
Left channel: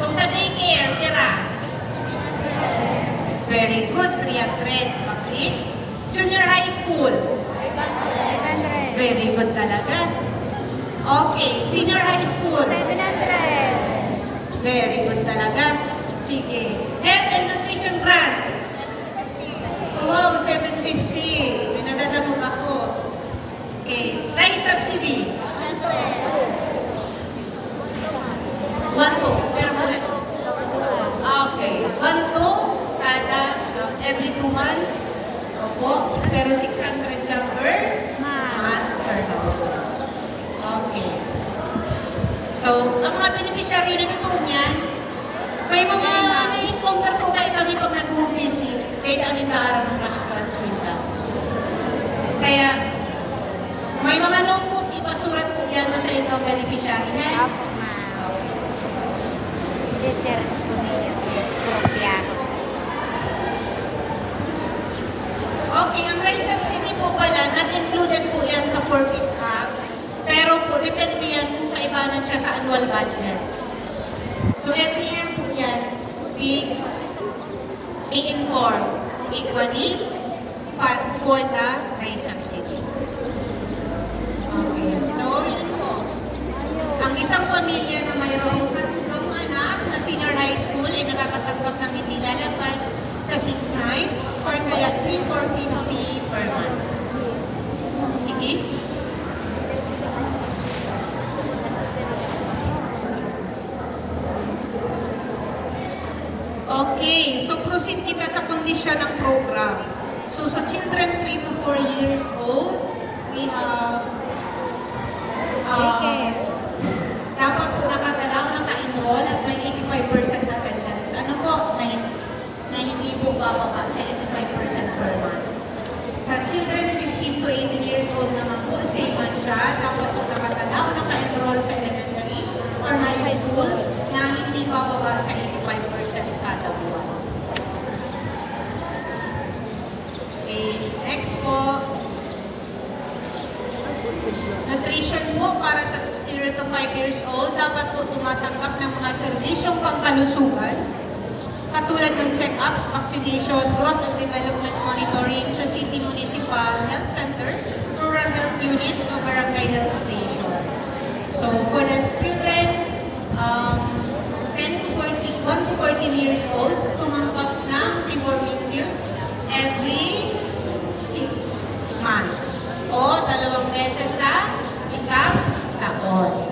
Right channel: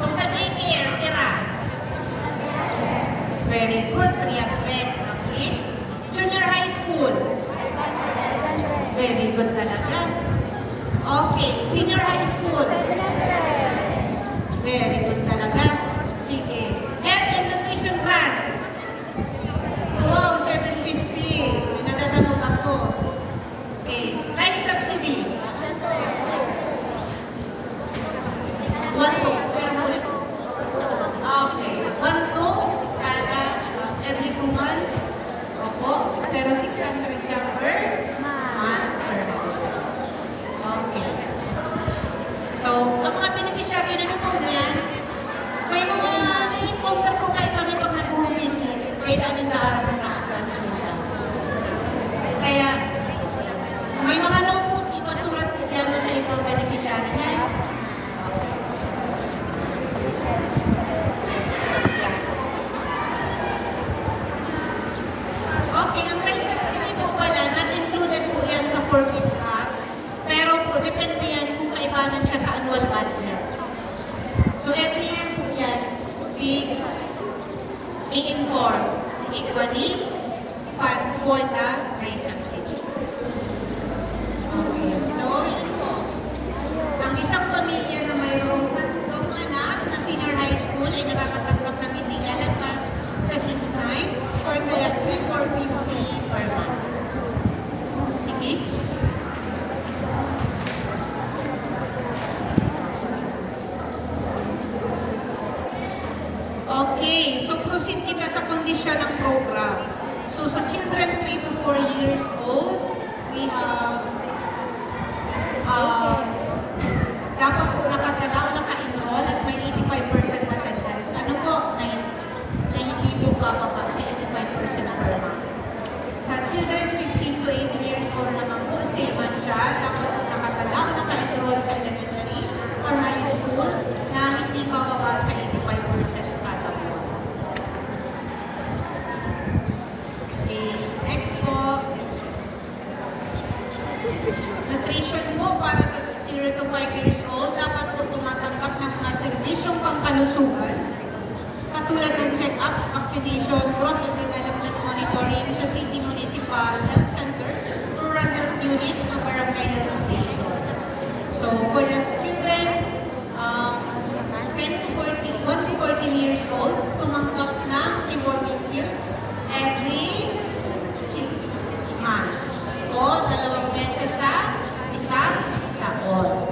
So, sa daycare, tira. Very good, 300. Okay. Junior high school. Very good talaga. Okay. Senior high school. Very good talaga. Sige. Health and nutrition grant. Wow, 750. May nadadanong ako. Okay. Rice subsidy. 1-2 per bulan. Okay. 1-2 kada every 2 months. Opo. Pero 600 siya per month per house. Okay. So, ang mga beneficiary na nito yan, may mga na-encounter po kayo kami pag nag-visit, kahit anong naarang ng restaurant punta. Kaya, may mga notebook, ipasurat po yan sa itong beneficiary niya. Okay, ang rice subsidy po pala, not included po yan sa 4-piece hub. Pero po, depende yan kung kaibanan siya sa annual budget. So, every year po yan, i-inform ng equity fund for the rice subsidy. Okay, so yun po. Ang isang pamilya na mayroong 3 anak na senior high school ay nakakatanggap ng hindi lalagpas sa 6-9 or kaya 3,450 per month. Sige. Okay, so proceed kita sa kondisyon ng program. So sa children 3 to 4 years old, we have dapat po nakatala o naka-enroll at may 85% attendance. Ano po? Na hindi po bababa sa 85% per month. Sa children 15 to 18 years old naman po, same man siya. Dapat po nakatala o naka-enroll sa elementary or high school na hindi bababa sa 85% kada buwan. Okay, next po. Nutrition po para sa 0 to 5 years old, dapat po tumatanggap ng mga serbisyong pangkalusugan, katulad ng check-ups, vaccination, growth and development monitoring sa City Municipal Health Center, rural health units, o barangay health station. So, for the children 1 to 14 years old, tumanggap ng deworming pills every 6 months o 2 beses sa isang taon.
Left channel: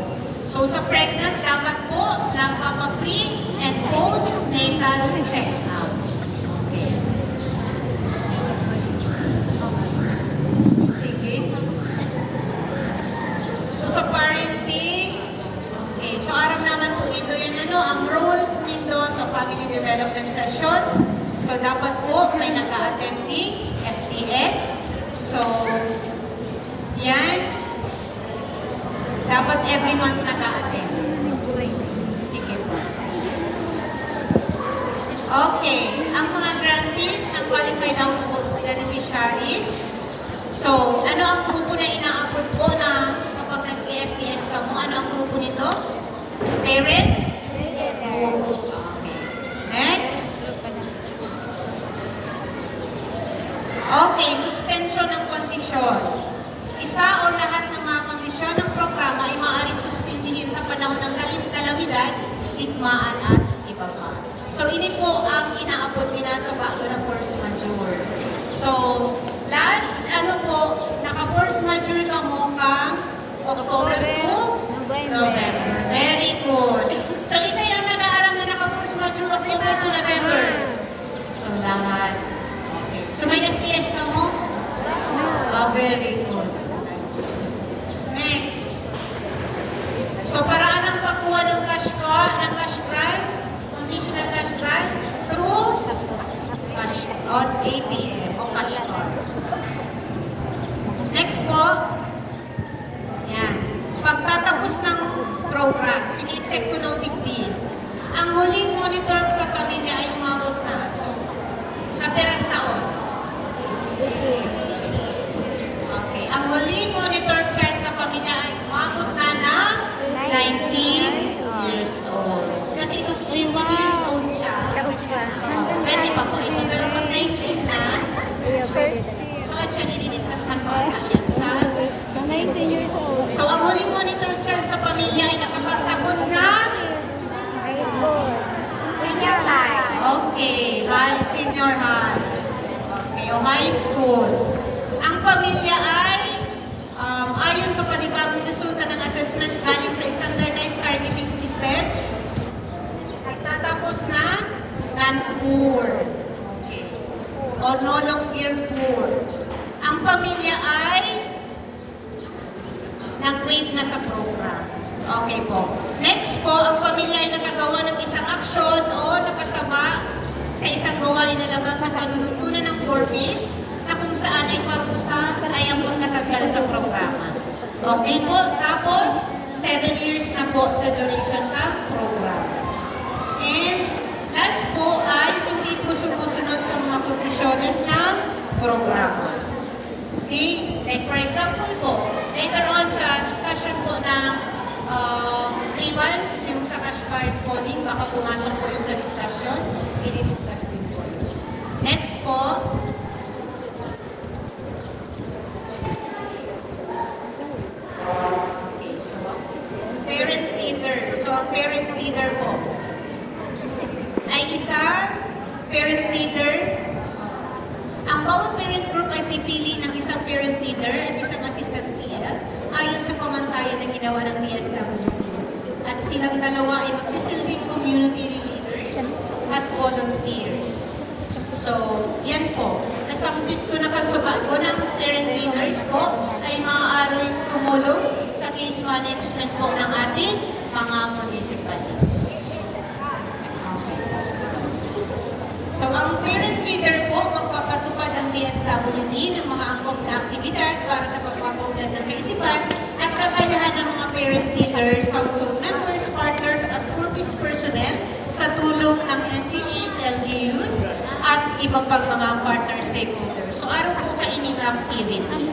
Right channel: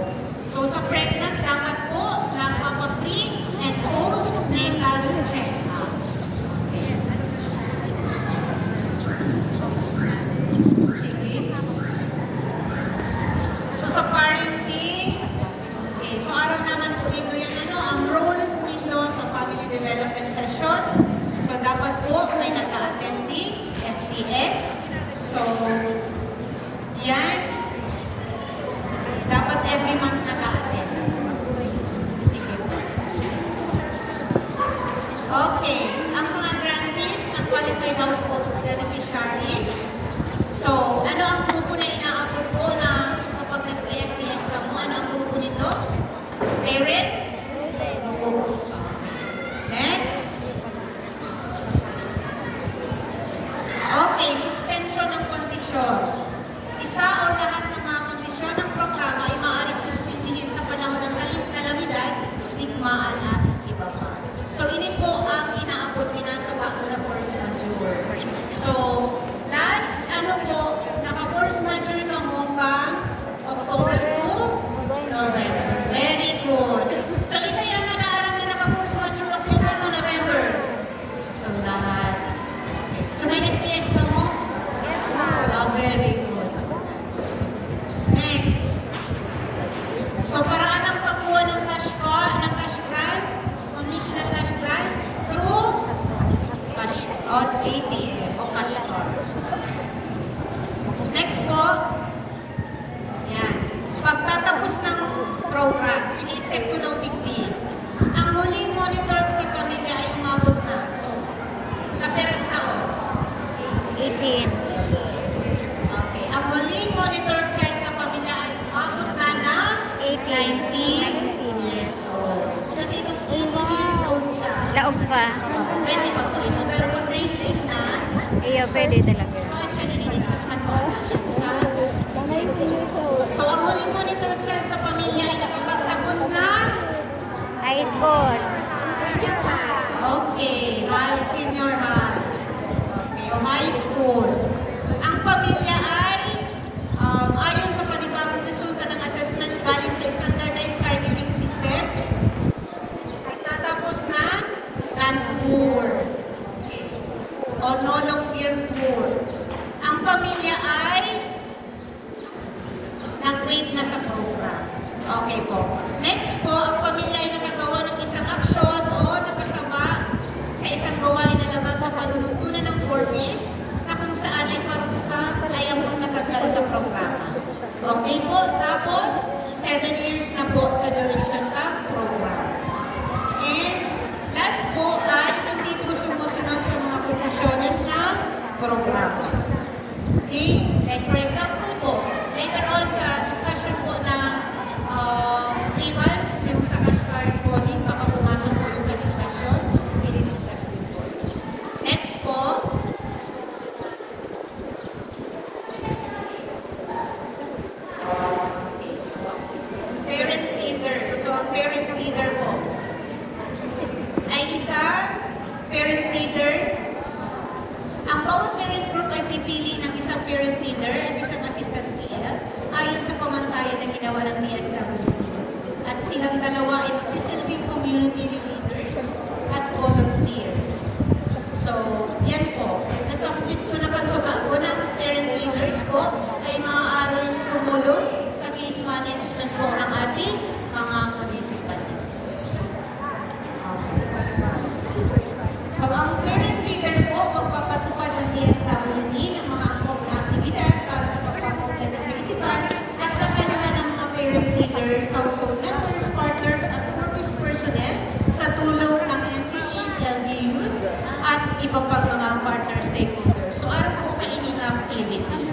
So, sa pregnant, dapat po nagpapa-pre and post-natal check-up. Okay. Sige. So, sa parenting, okay, so aram naman po dito yan, ang role po dito sa family development session. So, dapat po may nag-a-attending FTS. So, yan. Dapat every month nag-a-attend. Sige po. Okay. Ang mga grantees ng qualified household beneficiaries. So, ano ang grupo na inaabot po na kapag nag-FTS ka mo? Ano ang grupo nito? Parent? Group. Next. Okay, suspension ng kondisyon. Isa o lahat ng mga kondisyon ng programa ay maaaring suspindihin sa panahon ng kalamidad, digmaan at iba pa. So, ini po ang inaabot nila sa bago ng force majeure. So, last, naka-force majeure ka mo pang October to November. Very good. So, isa yung nag-aaral na naka-force majeure October to November. So, lahat. Okay. So, may nag-PS ka mo? Oh, very good. Next. So, paraan ang pagkuha ng cash grant, conditional cash grant, through cash out ATM o cash card. Next po, yan. Pagtatapos ng program, sige, check ko daw digdi. Ang huling monitor sa pamilya ay umabot na. So, sa perang taon? 18. Okay. Ang huling monitor child sa pamilya ay umabot na Okay po. Next po, ang pamilya ay nakagawa ng isang aksyon o nakasama sa isang gawain na laban sa panuntunan ng 4Ps na kung saan ay parusa ay ang natanggal sa programa. Okay po. Tapos, 7 years na po sa duration ng program. And last po ay hindi po sumusunod sa mga kondisyones ng programa. Okay? Like for example po, later on sa discussion po ng 3 months, yung sa cash card po din, baka pumasok po yung sa discussion, i-discuss din po yun. Next po, okay, so, parent leader. So, ang parent leader po ay isang parent leader. Ang bawat parent group ay pipili ng isang parent leader at isang assistant TL ayon sa pamantayan na ginawa ng PSWD. At silang dalawa ay magsisilbing community leaders at volunteers. So, yan po. Nasambit ko na sa bago ng parent leaders po ay maaaring tumulong sa case management po ng ating mga municipalities. So, ang parent leader po magpapatupad ang DSWD ng mga angkop na aktibidad para sa pagpapaunlad ng kaisipan at kakanahan ng mga parent leaders, household members, partners at purpose personnel sa tulong ng NGEs, LGUs at iba pang mga partner stakeholders. So, araw po kaining activity.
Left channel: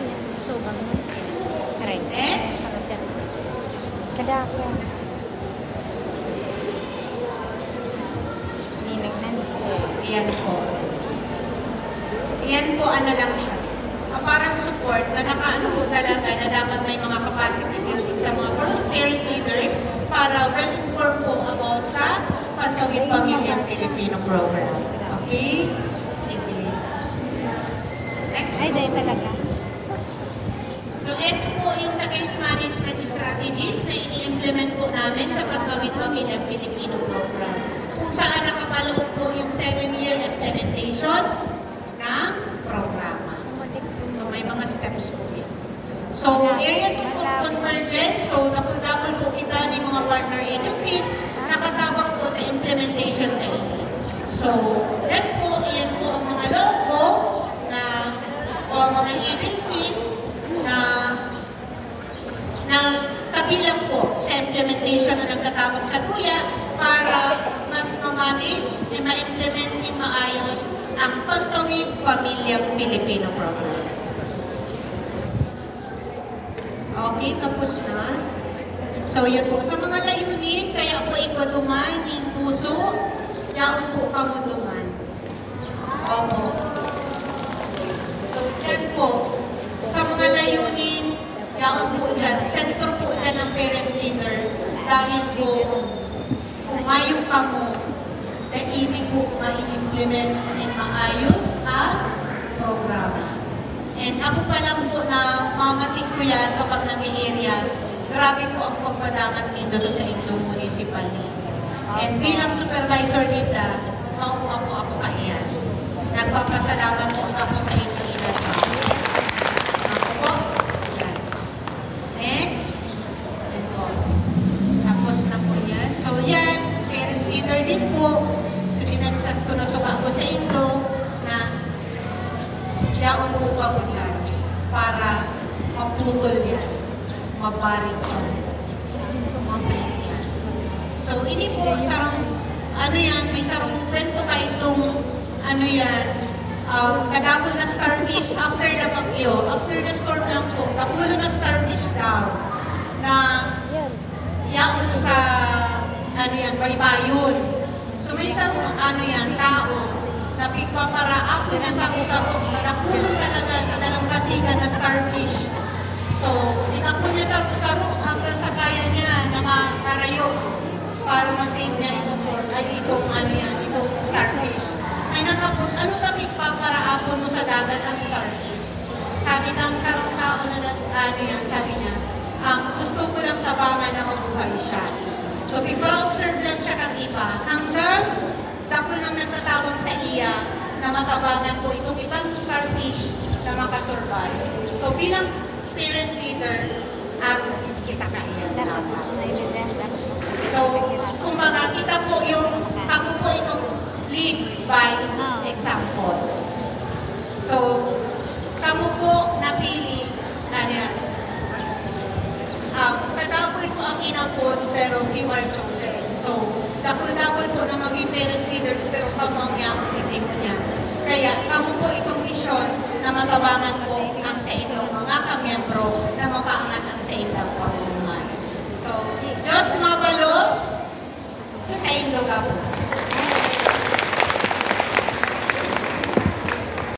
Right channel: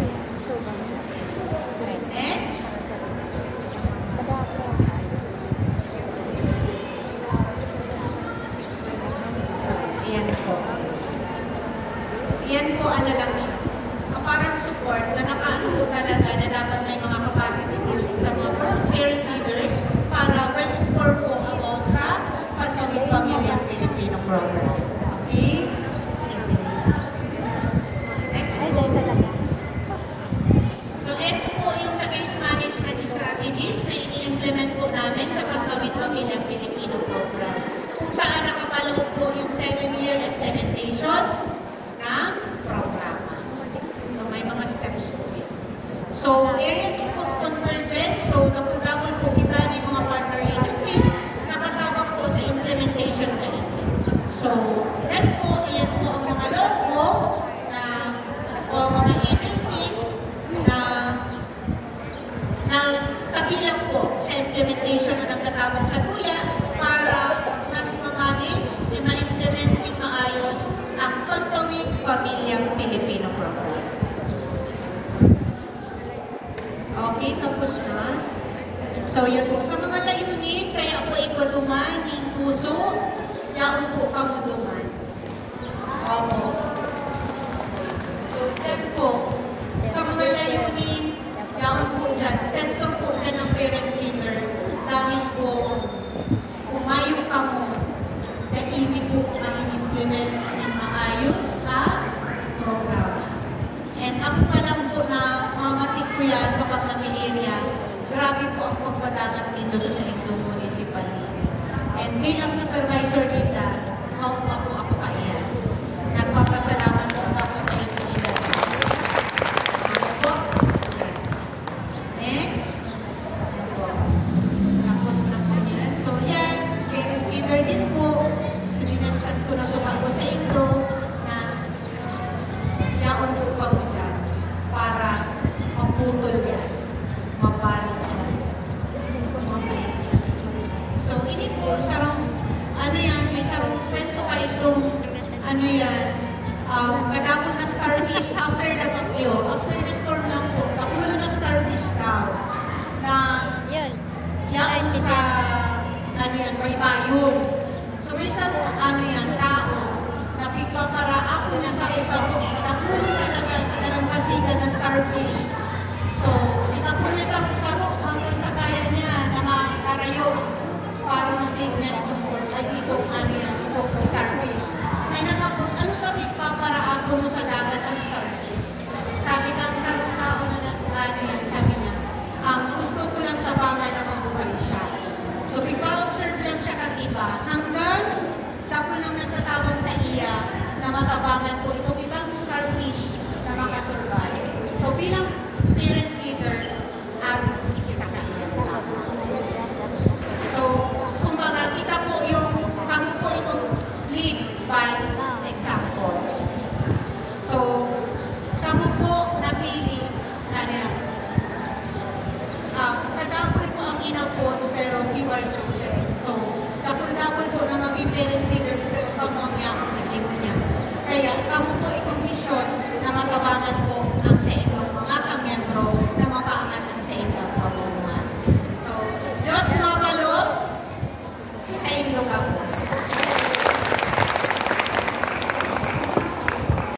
Next. Ayan po. Ayan po, ano lang siya. Parang support na nakaano po talaga na dapat may mga capacity building sa mga parent leaders para well-informed po about sa Pantawid Pamilyang Pilipino program. Okay? Sige. Next po. So, ito po yung sa case management strategies na ini-implement po namin sa Pantawid Pamilyang Pilipino program. Kung saan nakapaloob po yung 7-year implementation ng program. So, may mga steps po yun. So, areas po convergence. So, double-double po kita ng mga partner agencies nakatawag po sa implementation na ini. So, dyan po, iyan po ang mga logo na o mga agencies na kabilang po sa implementation na nagtatawag sa TUYA para mas ma-manage at ma-implement ng maayos ang Pantawid Pamilyang Pilipino program. Okay, tapos na. So, yan po. Sa mga layunin, kaya po ibaduman ng puso, yaon po kamuduman. Opo. So, dyan po. Sa mga layunin, yaon po dyan. Center po dyan ng parent leader. Dahil po, umayong kamo, na ibig po ma-implement ng maayos ang programa. And ako pa lang po na mamatik ko yan kapag nag-area, grabe po ang pagpadangat dito sa Indong Municipality. And bilang supervisor dito, maupo ako kaiyan. Nagpapasalamat po ako sa inyo. Next. Ito. Tapos na po yan. So yan, parent leader din po. So dinaskas ko na sa bago sa inyo na yaon po pa mo dyan para maputol yan, maparing yan, mamayin yan. So, ini po, sarang, ano yan, may sarang kwento pa itong, ano yan, kadapol na starfish after the bagyo, after the storm lang po, pagulo na starfish daw, na yaon sa, ano yan, baybayon. So, may isang, ano yan, tao, na pigpapara ako na saro-saro, nakapulo talaga sa dalampasigan na starfish. So, ikapulo na saro-saro hanggang sa kaya niya na makarayo para masave niya itong ano yan, itong starfish. May nagkapun, ano na pigpapara ako mo sa dagat ang starfish? Sabi ng saro-tao na ano yan, sabi niya, gusto ko lang tabangan na mabuhay siya. So, pigpara-observe lang siya kang iba hanggang dako lang nagtatawag sa iya na matabangan po itong ibang starfish na makasurvive. So bilang parent leader, kita kailan dapat. Kadapoy po ang inapod, pero you are chosen. So, dapoy-dapoy po na maging parent leaders, pero kamo ang iyang objetibo niya. Kaya, kamo po itong misyon na matabangan po ang sa inyong mga kamiyembro na mapaangat ang sa inyong pagulungan. So, Diyos mabalos, sa inyong kapos.